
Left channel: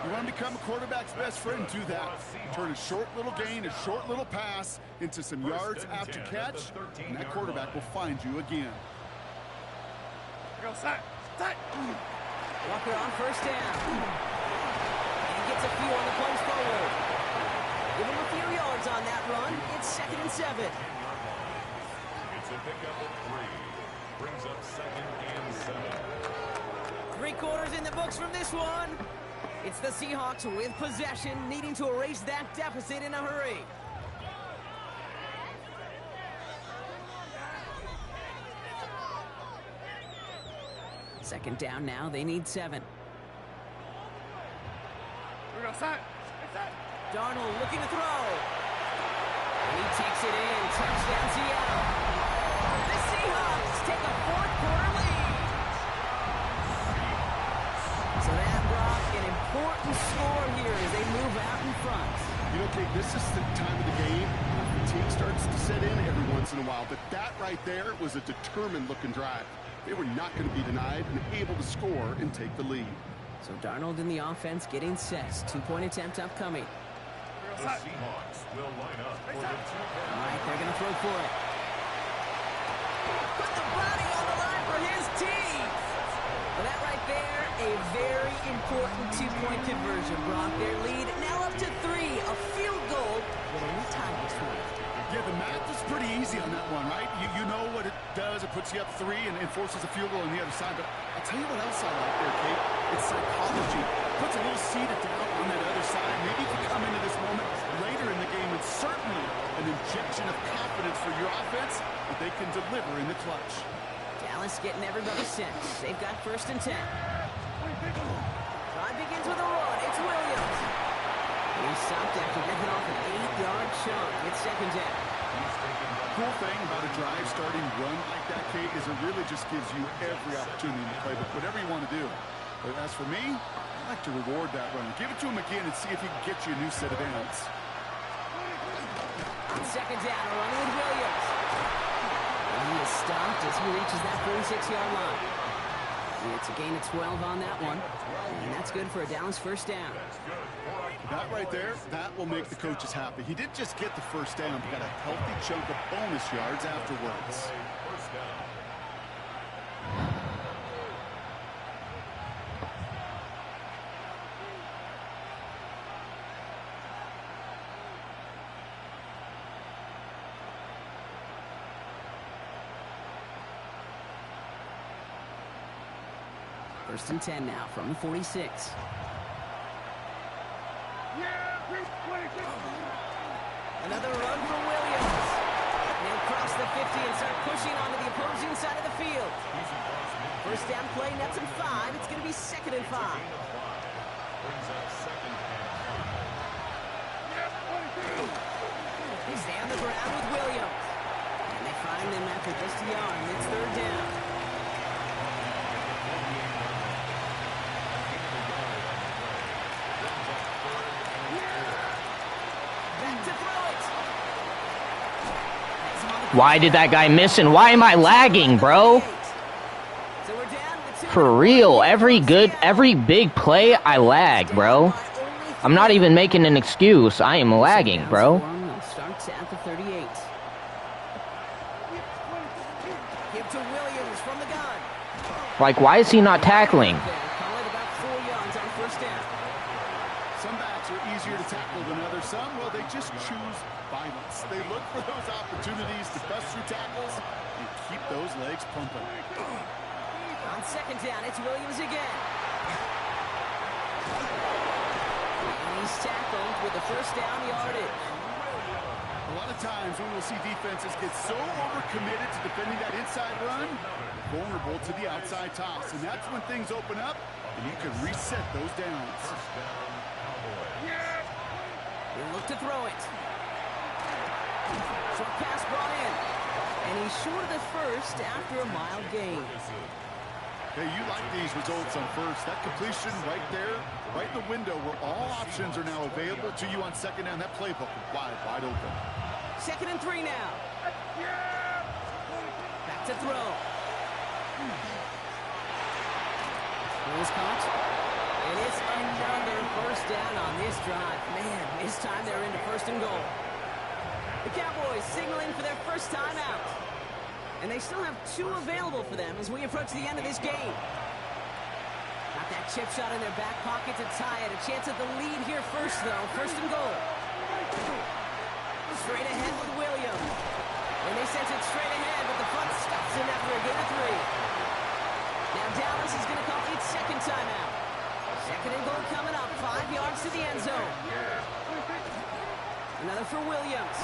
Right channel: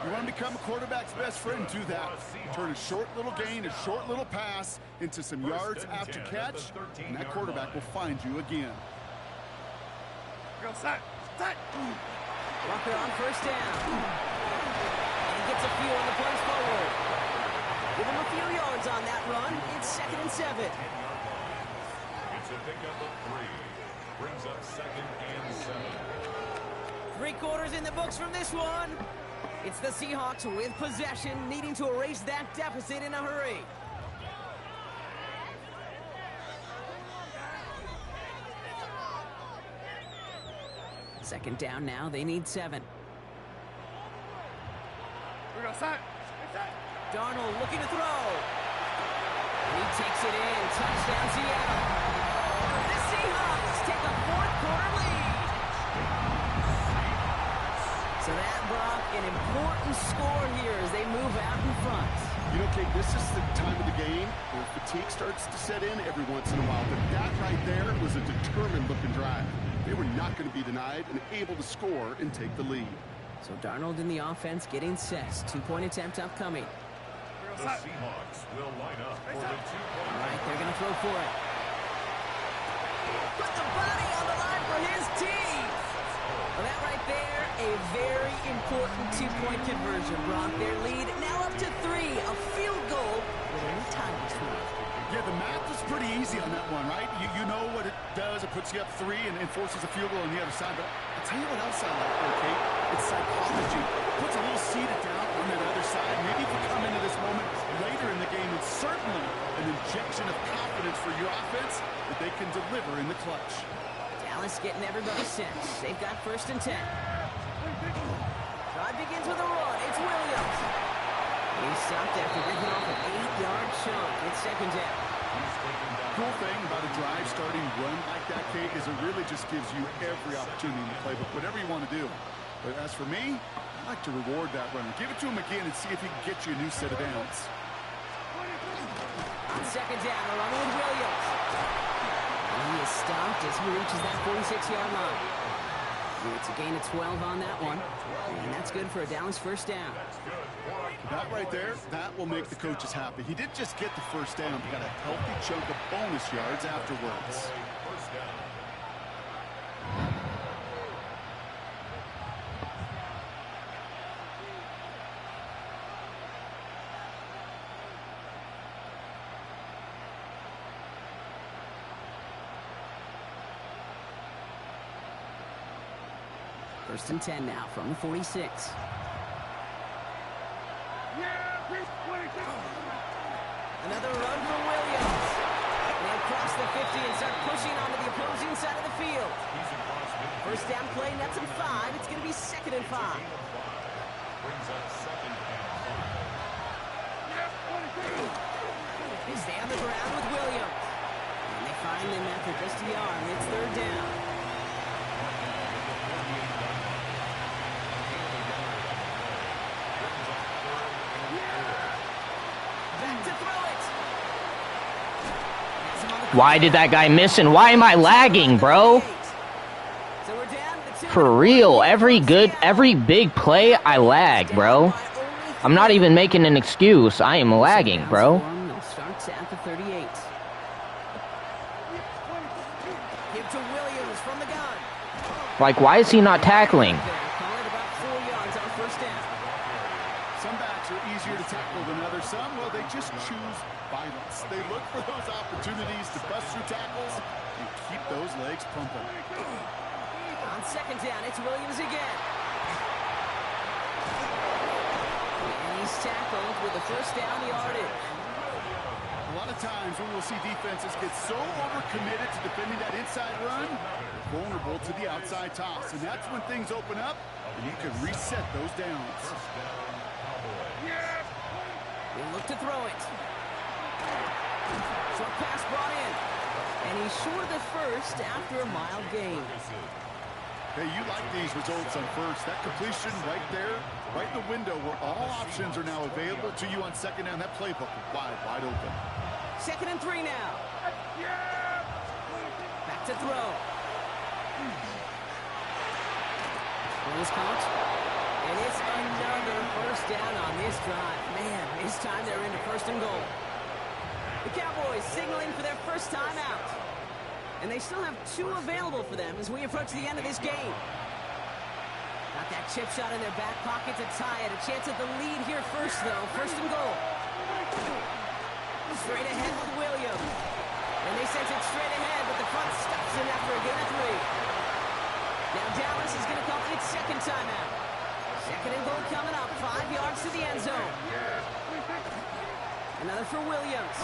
You want to become a quarterback's best friend, do that. Turn a short little gain, a short little pass into some yards after catch, and that quarterback will find you again. Go, set. Walker on 1st down. And he gets a few on the plunge forward. Give him a few yards on that run. It's 2nd and 7. It's a pickup of 3. Brings up 2nd and 7. 3 quarters in the books from this one. It's the Seahawks with possession, needing to erase that deficit in a hurry. Second down now, they need 7. We're going to set. Darnold looking to throw. And he takes it in. Touchdown, Seattle. The Seahawks take a 4th quarter lead. So that brought an important score here as they move out in front. You know, Kate, this is the time of the game where fatigue starts to set in every once in a while. But that right there was a determined-looking drive. They were not going to be denied and able to score and take the lead. So Darnold in the offense getting set. 2-point attempt upcoming. The Seahawks will line up for the 2-point. All right, they're going to throw for it. Put the body on the line for his team. Well, that right there, a very important 2-point conversion brought their lead now up to 3. A field goal with only time between. Yeah, the math is pretty easy on that one, right? You know what it does. It puts you up 3 and forces a field goal on the other side. But I'll tell you what else I like there, Kate. It's psychology. Puts a little seed of doubt on that other side. Maybe if you come into this moment later in the game, it's certainly an injection of confidence for your offense that they can deliver in the clutch. Dallas getting everybody set. They've got 1st and 10. Drive begins with a run. It's Williams. And he's stopped after ripping off an 8-yard chunk. It's 2nd down. Cool thing about a drive starting run like that, Kate, is it really just gives you every opportunity to play with whatever you want to do. But as for me, I like to reward that run. Give it to him again and see if he can get you a new set of downs. On 2nd down, a run with Williams. And he is stopped as he reaches that 46-yard line. It's a gain of 12 on that one. And that's good for a Dallas 1st down. That right there, that will make the coaches happy. He didn't just get the 1st down, but got a healthy chunk of bonus yards afterwards. First down. First and 10 now from the 46. Another run for Williams. And he'll cross the 50 and start pushing onto the opposing side of the field. First down play, nets him 5. It's going to be 2nd and 5. Brings up 2nd and 5. They stay on the ground with Williams. And they find him after just a yard, and it's 3rd down. Why did that guy miss and why am I lagging, bro? For real, every big play, I lag, bro. I'm not even making an excuse. I am lagging, bro. Starts at the 38. Give to Williams from the gun. Like, why is he not tackling? Call it about 4 yards on 1st down. Some backs are easier to tackle than others. Some, well, they just choose violence. They look for those opportunities to bust through tackles and keep those legs pumping. On 2nd down, it's Williams again. And he's tackled with the first down yardage. A lot of times when we'll see defenses get so overcommitted to defending that inside run, they're vulnerable to the outside toss. And that's when things open up, and you can reset those downs. First down, Cowboys. They look to throw it. Short pass brought in. And he's short of the first after a mild gain. Hey, you like these results on first. That completion right there, right in the window where all options are now available to you on second down. That playbook wide open. 2nd and 3 now. Back to throw. Throw is caught. And it's another first down on this drive. Man, this time they're into 1st and goal. The Cowboys signaling for their first time out. And they still have 2 available for them as we approach the end of this game. Got that chip shot in their back pocket to tie it. A chance at the lead here first, though. 1st and goal. Straight ahead with Williams. And they sent it straight ahead, but the front stops him after a gain of 3. Now Dallas is going to call its 2nd timeout. 2nd and goal coming up. 5 yards to the end zone. Another for Williams.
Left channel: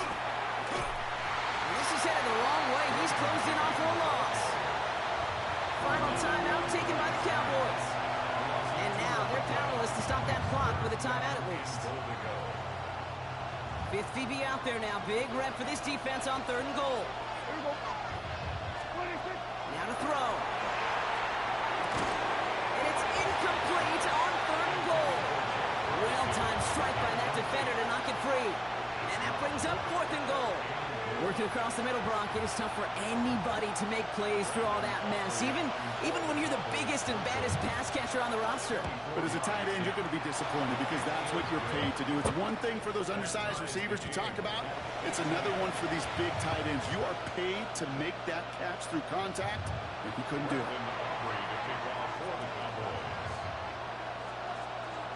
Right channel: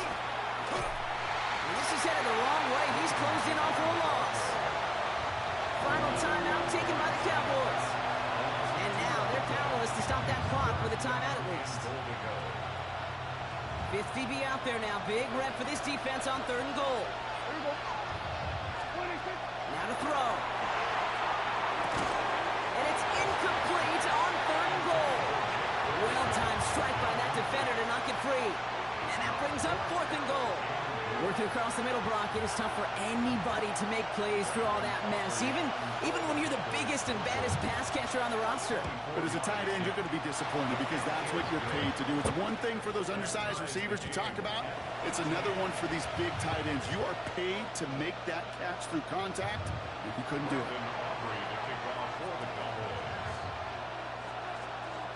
And this is headed the wrong way. He's closed in on for a loss. Final timeout taken by the Cowboys. And now they're powerless to stop that clock with a timeout at least. 5th DB out there now. Big rep for this defense on 3rd and goal. Now to throw. And it's incomplete on 3rd and goal. Well-timed strike by that defender to knock it free. And that brings up 4th and goal. Working across the middle, Brock, it is tough for anybody to make plays through all that mess, even when you're the biggest and baddest pass catcher on the roster. But as a tight end, you're going to be disappointed because that's what you're paid to do. It's one thing for those undersized receivers you talk about. It's another one for these big tight ends. You are paid to make that catch through contact, and he couldn't do it.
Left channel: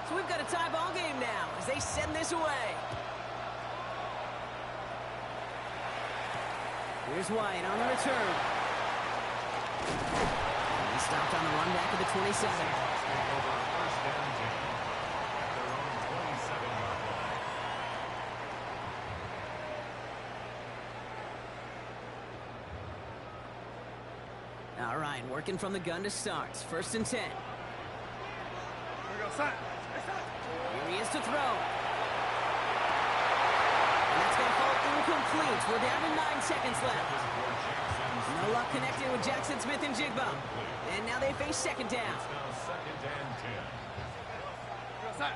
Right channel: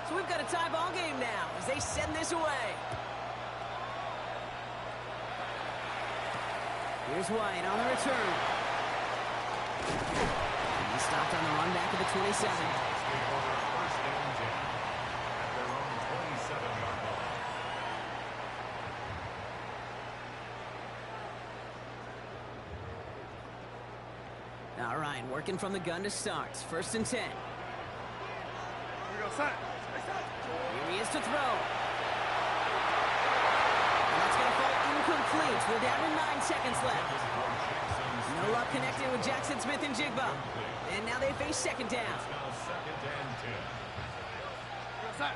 So we've got a tie ball game now as they send this away. Here's White on the return. He stopped on the run back of the 27. First and 10 at their own 27-yard line. All right, working from the gun to start. 1st and 10. Here we go, side. Here he is to throw. And that's going to fall incomplete. We're down to 9 seconds left. No luck connecting with Jackson Smith and Jigba. And now they face 2nd down. It's now 2nd and 10. Go side.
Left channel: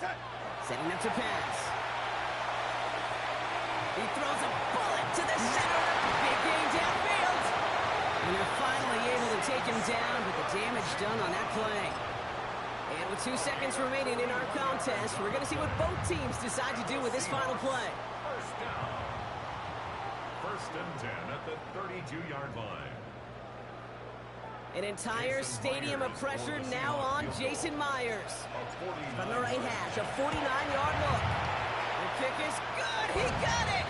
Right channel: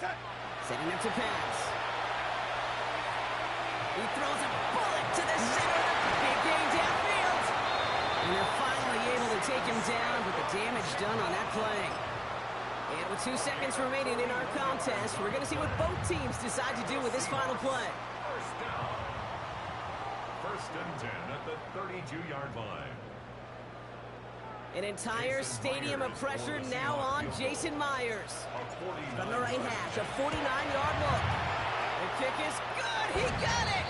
Side. Setting up to pass. He throws a bullet to the center of the big game downfield. And they're finally able to take him down, but the damage done on that play. And with 2 seconds remaining in our contest, we're going to see what both teams decide to do with this final play. First down. 1st and 10 at the 32-yard line. An entire stadium of pressure now on Jason Myers. From the right hash, a 49-yard look. The kick is good. He got it.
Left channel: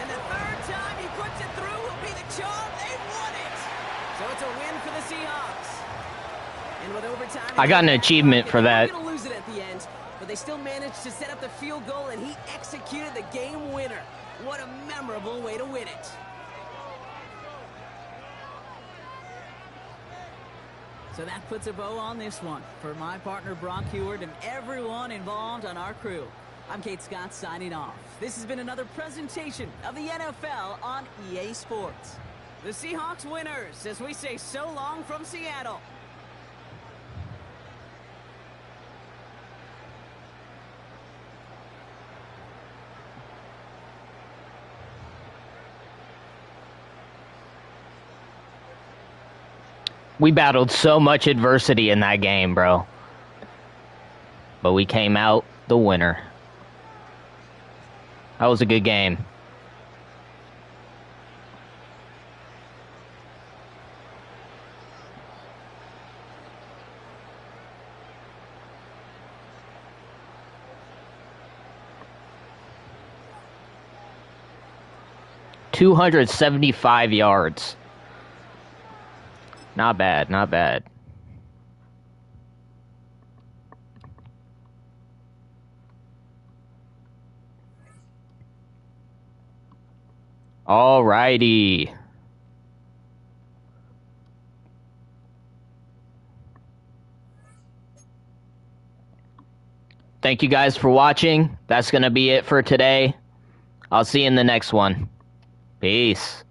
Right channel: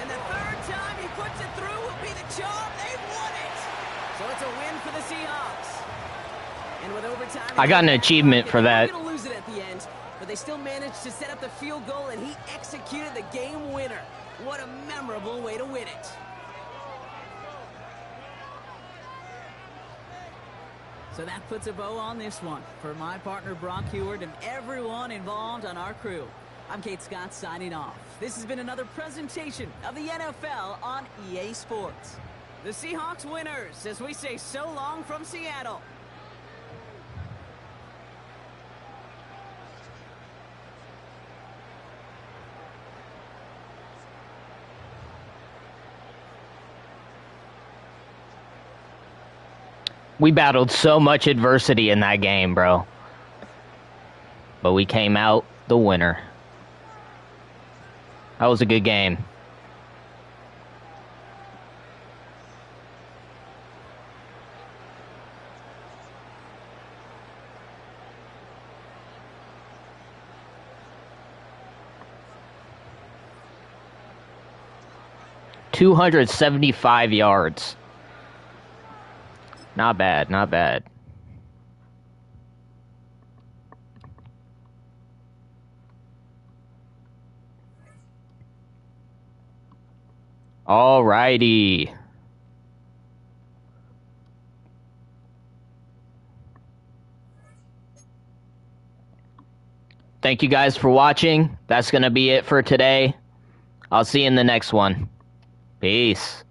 And the 3rd time he puts it through will be the charm. They've won it. So it's a win for the Seahawks. And with overtime, I got an achievement for that. They're going to lose it at the end, but they still managed to set up the field goal, and he executed the game winner. What a memorable way to win it. So that puts a bow on this one. For my partner, Brock Heward, and everyone involved on our crew, I'm Kate Scott signing off. This has been another presentation of the NFL on EA Sports. The Seahawks winners, as we say so long from Seattle. We battled so much adversity in that game, bro. But we came out the winner. That was a good game. $275 yards. Not bad, not bad. Alrighty. Thank you guys for watching. That's going to be it for today. I'll see you in the next one. Peace.